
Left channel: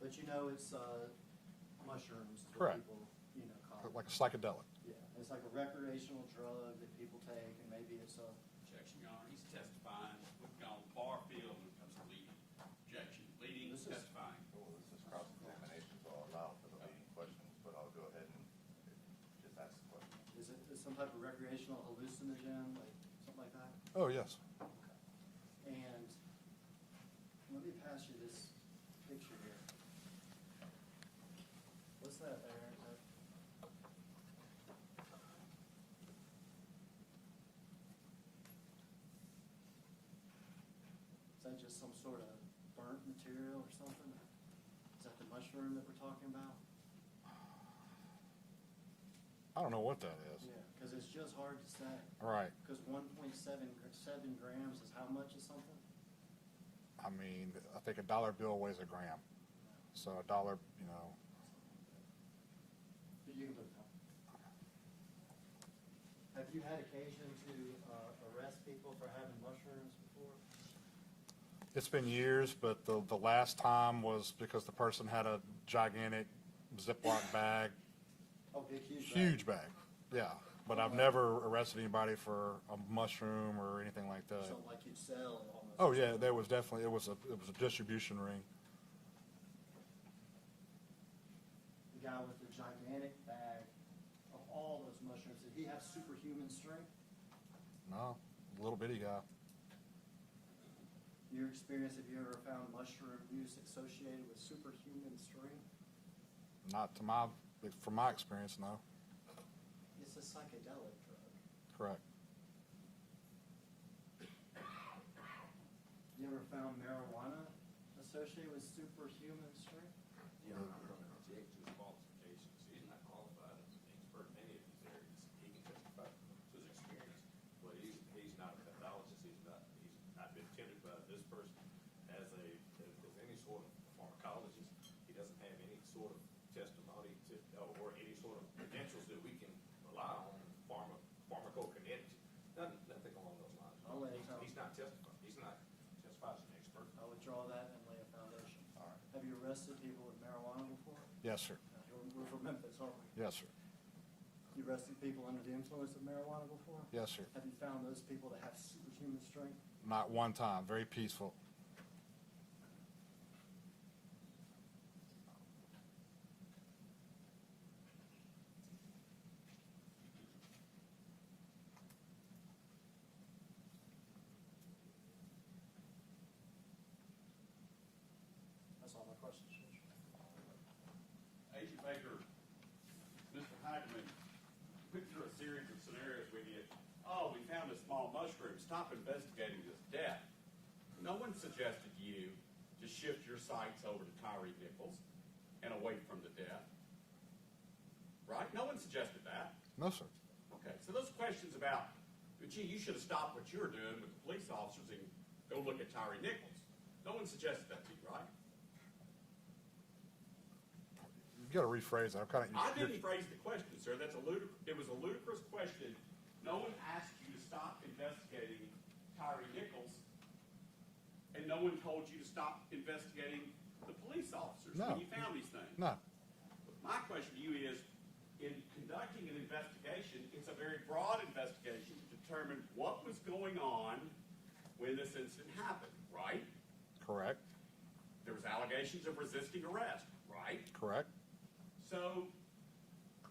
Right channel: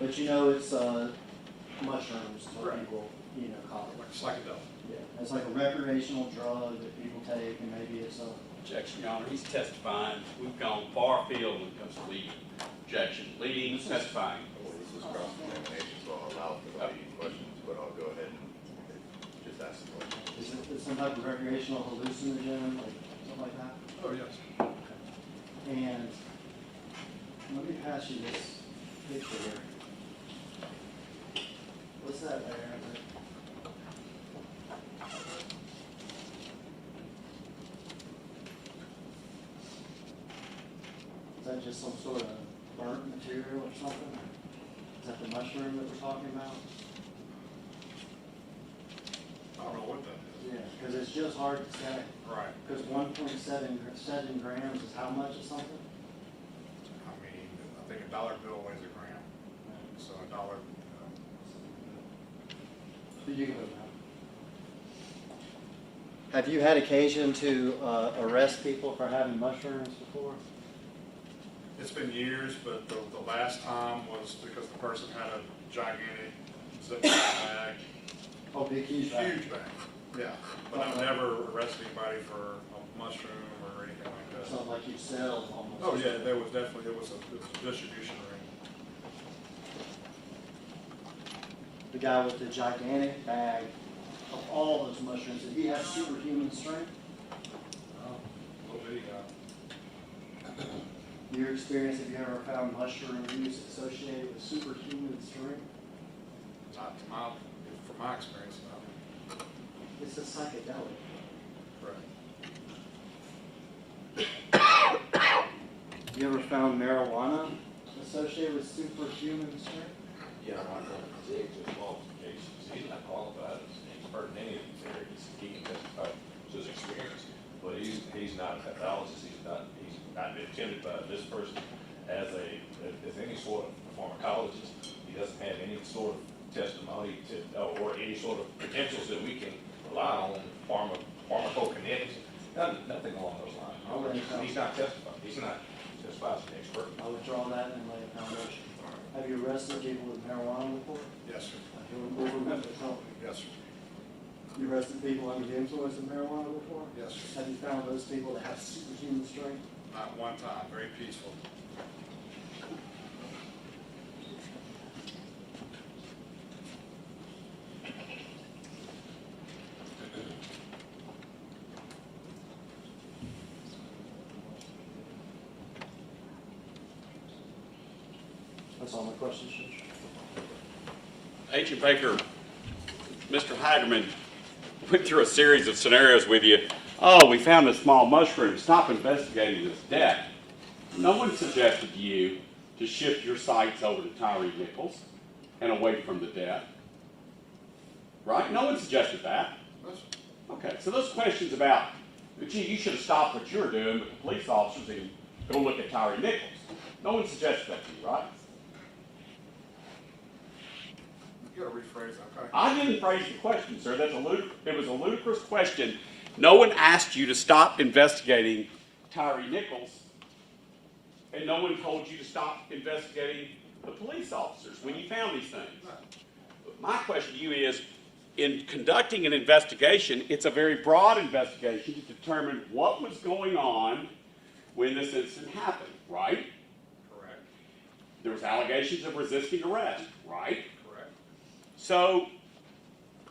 But you know it's mushrooms, what Right. people, you know, call it. Psychedelic. Yeah, it's like a recreational drug that people take, and maybe it's a, Objection, Your Honor, he's testifying, we've gone far afield when it comes to leading. Objection, leading, testifying. This is cross-examination, so I'll out for the leading questions, but I'll go ahead and just ask the question. Is it some type of recreational hallucinogen, like something like that? Oh, yes. And let me pass you this picture here. What's that there? Is that just some sort of burnt material or something? Is that the mushroom that we're talking about? I don't know what that is. Yeah, because it's just hard to say. Right. Because 1.7 grams is how much of something? I mean, I think a dollar bill weighs a gram. So a dollar, But you can put it down. Have you had occasion to arrest people for having mushrooms before? it's been years, but the last time was because the person had a gigantic Ziploc bag. Oh, big huge Huge bag, yeah. But I've never arrested anybody for a mushroom or anything like that. Something like you sell almost. Oh, yeah, there was definitely, it was a distribution ring. The guy with the gigantic bag of all those mushrooms, did he have superhuman strength? Oh, little bitty guy. Your experience, have you ever found mushroom use associated with superhuman strength? Not to my, from my experience, not. It's a psychedelic. Correct. You ever found marijuana associated with superhuman strength? Yeah, I'm not going to predict his qualifications. He's not qualified as an expert in any of these areas. He can testify to his experience, but he's not a pathologist. He's not been attended by this person as any sort of pharmacologist. He doesn't have any sort of testimony or any sort of credentials that we can rely on, pharmacokinetics, nothing along those lines. He's not testifying. He's not testified as an expert. I'll withdraw that and lay a foundation. Have you arrested people with marijuana before? Yes, sir. We'll remember, don't we? Yes, sir. You arrested people under the influence of marijuana before? Yes, sir. Have you found those people that have superhuman strength? Not one time, very peaceful. That's all my questions, Judge. Agent Baker, Mr. Hagerman went through a series of scenarios with you. Oh, we found a small mushroom. Stop investigating this death. No one suggested to you to shift your sights over to Tyre Nichols and away from the death. Right? No one suggested that. No, sir. Okay, so those questions about, gee, you should have stopped what you were doing with the police officers and go look at Tyre Nichols. No one suggested that to you, right? You gotta rephrase that. I'm kinda I didn't phrase the question, sir. It was a ludicrous question. No one asked you to stop investigating Tyre Nichols, and no one told you to stop investigating the police officers when you found these things. No. But my question to you is, in conducting an investigation, it's a very broad investigation to determine what was going on when this incident happened, right? Correct. There was allegations of resisting arrest, right? Correct. So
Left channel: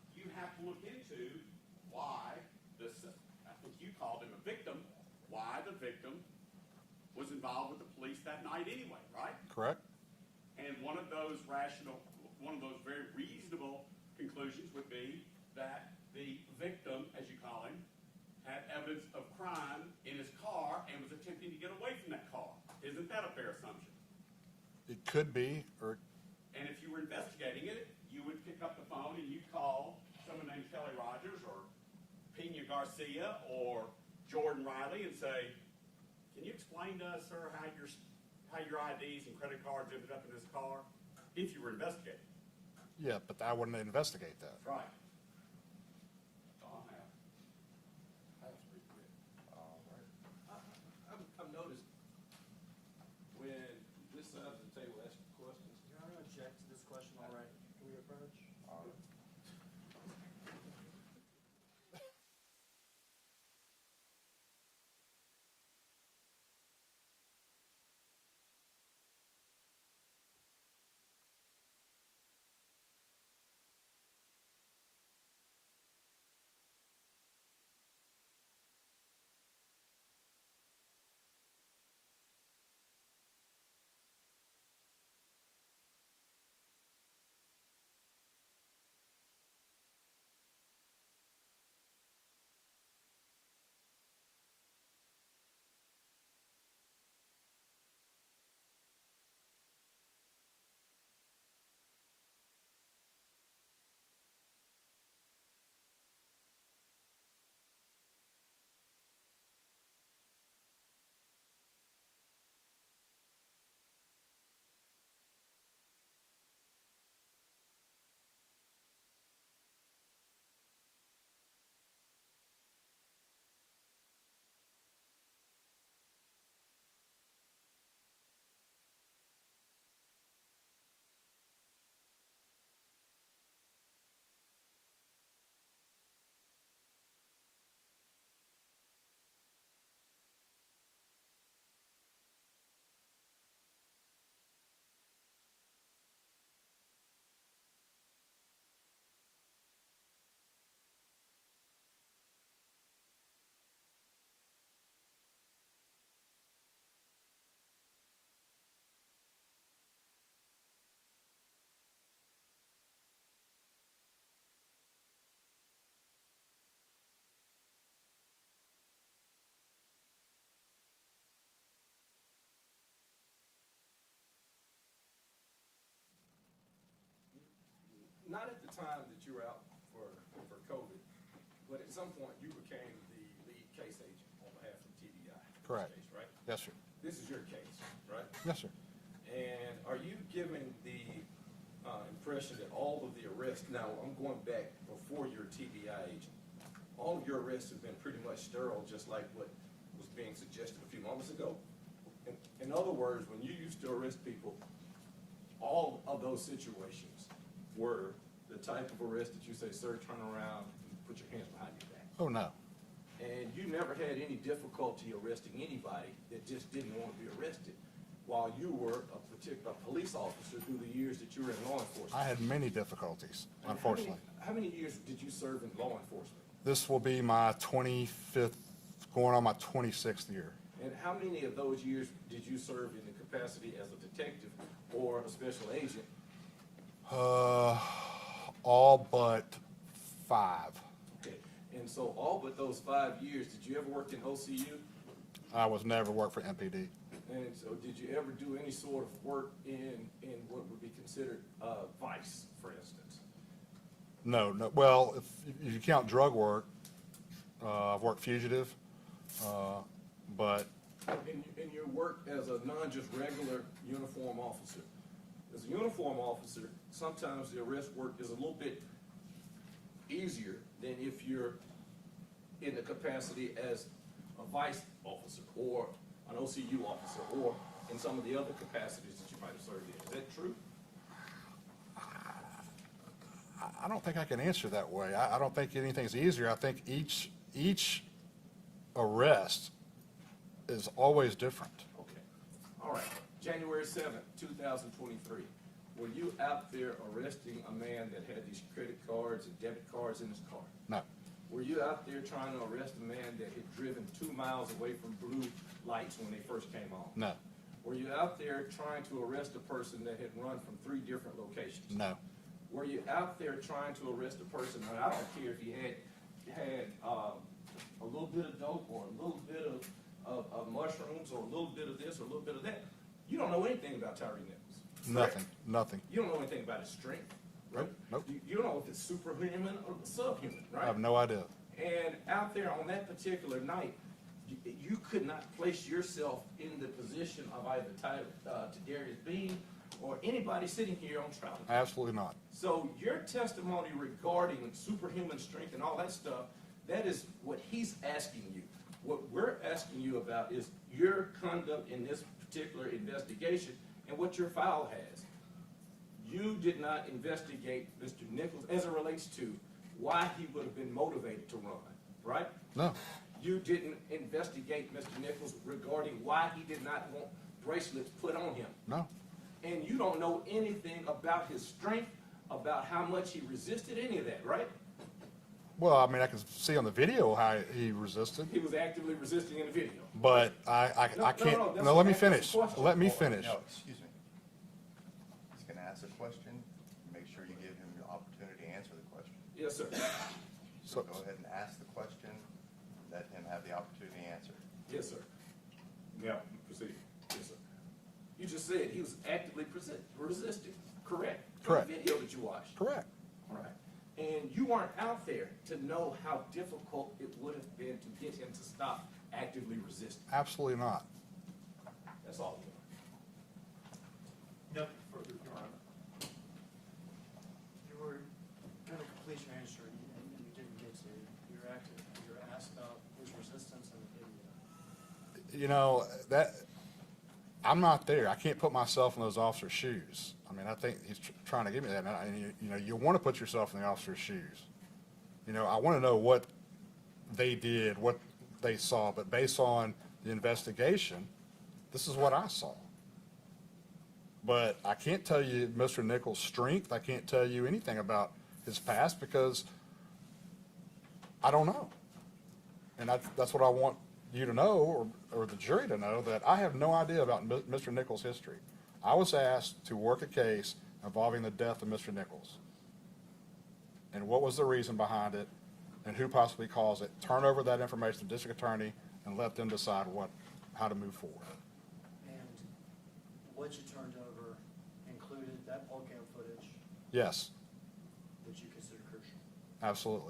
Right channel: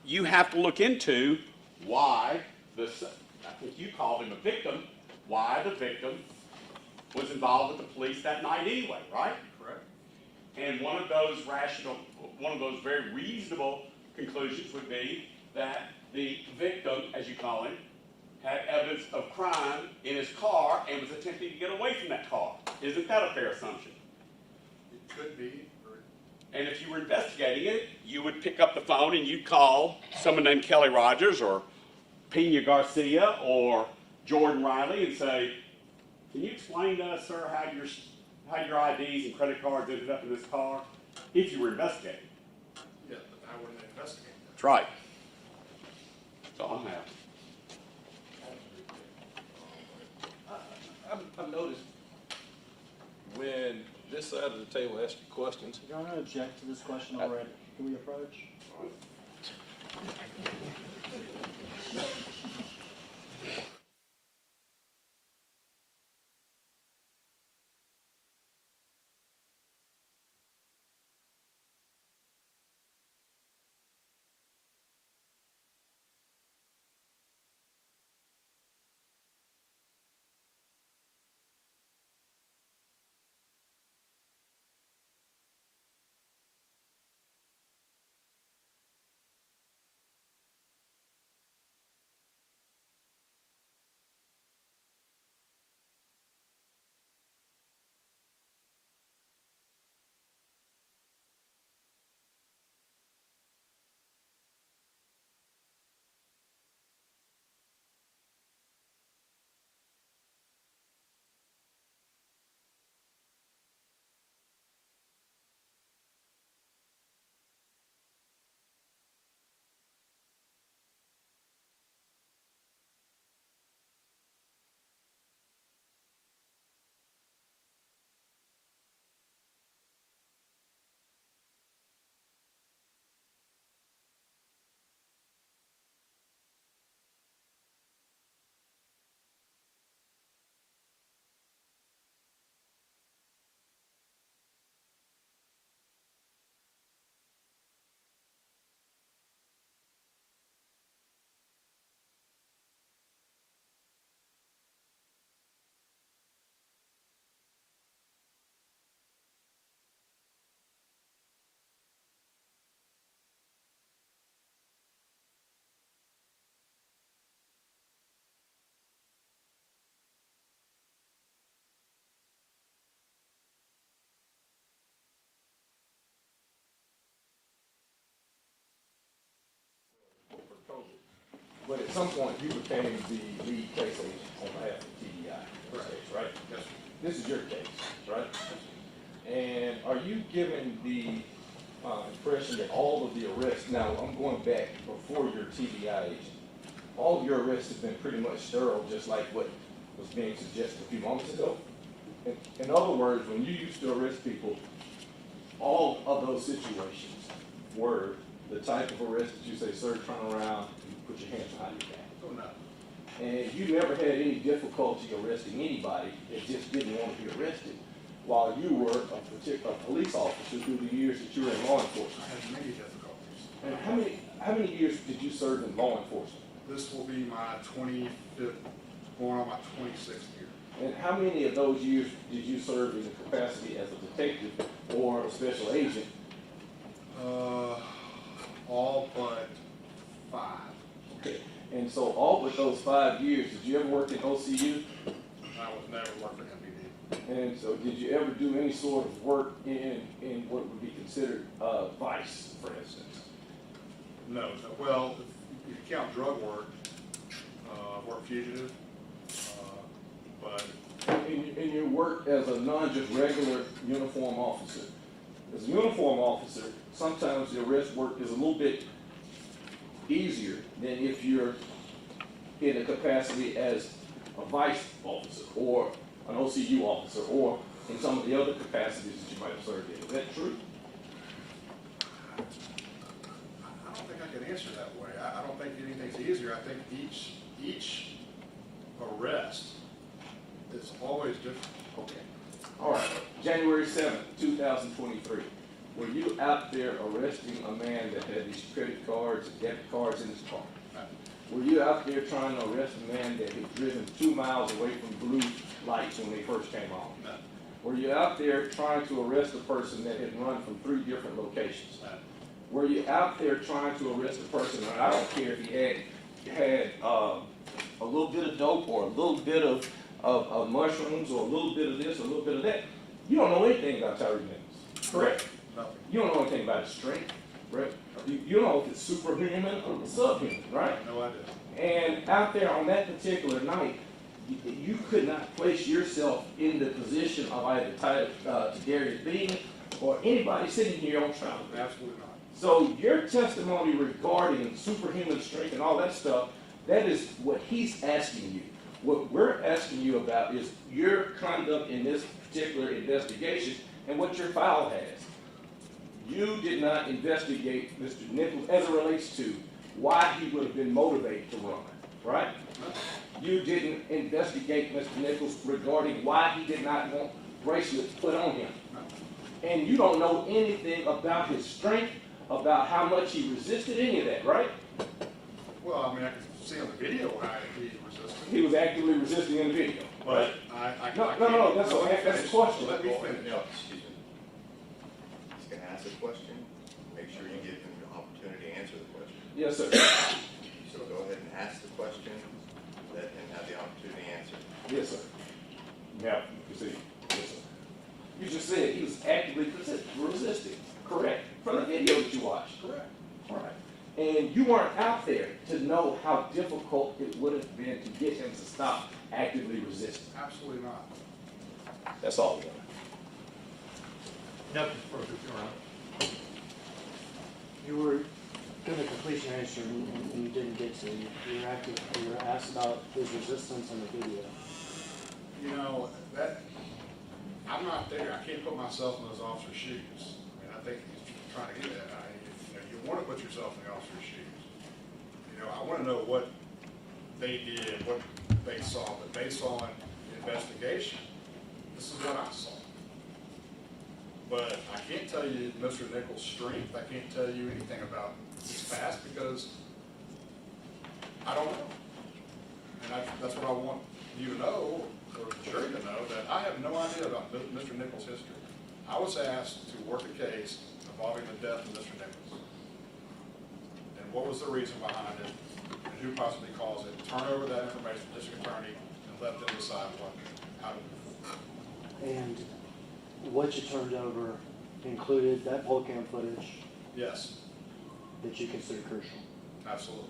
you have to look into why this, I think you called him a victim, why the victim was involved with the police that night anyway, right? Correct. And one of those very reasonable conclusions would be that the victim, as you call him, had evidence of crime in his car and was attempting to get away from that car. Isn't that a fair assumption? It could be, or And if you were investigating it, you would pick up the phone and you'd call someone named Kelly Rogers or Pena Garcia or Jordan Riley and say, can you explain to us, sir, how your IDs and credit cards ended up in this car? If you were investigating. yeah, but I wouldn't investigate that. That's right. That's all I'm asking. I've noticed when this side of the table asks you questions, Your Honor, I object to this question already. Can we approach? you became the lead case agent on behalf of TBI, Correct. right? Yes, sir. This is your case, right? Yes, sir. And are you giving the impression that all of the arrests, now I'm going back before your TBI agent, all of your arrests have been pretty much thorough, just like what was being suggested a few moments ago? In other words, when you used to arrest people, all of those situations were the type of arrest that you say, sir, turn around and put your hands behind your back. Oh, no. And you never had any difficulty arresting anybody that just didn't want to be arrested while you were a police officer through the years that you were in law enforcement. I had many difficulties, And unfortunately. how many years did you serve in law enforcement? This will be my 25th, going on my 26th year. And how many of those years did you serve in the capacity as a detective or a special agent? All but 5. Okay. And so all but those 5 years, did you ever work in OCU? I was never worked for MPD. And so did you ever do any sort of work in what would be considered vice, for instance? No, no, well, if you count drug work, I've worked fugitive, but In your work as a non-just regular uniform officer. As a uniform officer, sometimes the arrest work is a little bit easier than if you're in a capacity as a vice officer or an OCU officer or in some of the other capacities that you might have served in. Is that true? I don't think I can answer that way. I don't think anything's easier. I think each arrest is always different. Okay. All right. January 7th, 2023. Were you out there arresting a man that had these credit cards and debit cards in his car? No, Were you out there trying to arrest a man that had driven 2 miles away from blue lights when they first came on? no, Were you out there trying to arrest a person that had run from 3 different locations? no, Were you out there trying to arrest a person, and I don't care if he had a little bit of dope or a little bit of mushrooms or a little bit of this or a little bit of that? You don't know anything about Tyre Nichols, correct? nothing. You don't know anything about his strength, right? Nope. You don't know if it's superhuman or subhuman, I right? have no idea. And out there on that particular night, you could not place yourself in the position of either Tyler Darius Bean or anybody sitting here on trial. Absolutely not. So your testimony regarding superhuman strength and all that stuff, that is what he's asking you. What we're asking you about is your conduct in this particular investigation and what your file has. You did not investigate Mr. Nichols as it relates to why he would have been motivated to run, right? No, You didn't investigate Mr. Nichols regarding why he did not want bracelets put on him. no, And you don't know anything about his strength, about how much he resisted, any of that, right? well, I mean, I can see on the video how he resisted, He was actively resisting in the video. but I No, can't, no, that's let me that's a finish. question. Let me finish. No, excuse me. He's gonna ask a question, make sure you give him the opportunity to answer the question. Yes, sir. So go ahead and ask the question, let him have the opportunity to answer. Yes, sir. Now, you can see. Yes, sir. You just said he was actively resisting, correct? From the video that you watched. Correct. Right. And you weren't out there to know how difficult it would have been to get him to stop actively resisting. Absolutely not. That's all we want. Nothing further, Your Honor. You were doing a completion answer and you didn't get to, you were asked about his resistance in the video. You know, I'm not there. I can't put myself in those officers' shoes. I mean, I think he's trying to get that. You know, you want to put yourself in the officer's shoes. You know, I want to know what they did, what they saw, but based on the investigation, this is what I saw. But I can't tell you Mr. Nichols' strength. I can't tell you anything about his past because I don't know. And that's what I want you to know, or the jury to know, that I have no idea about Mr. Nichols' history. I was asked to work a case involving the death of Mr. Nichols. And what was the reason behind it, and who possibly caused it. Turn over that information to the district attorney and let them decide how to move forward. And what you turned over included that poll cam footage Yes, that you consider crucial. absolutely.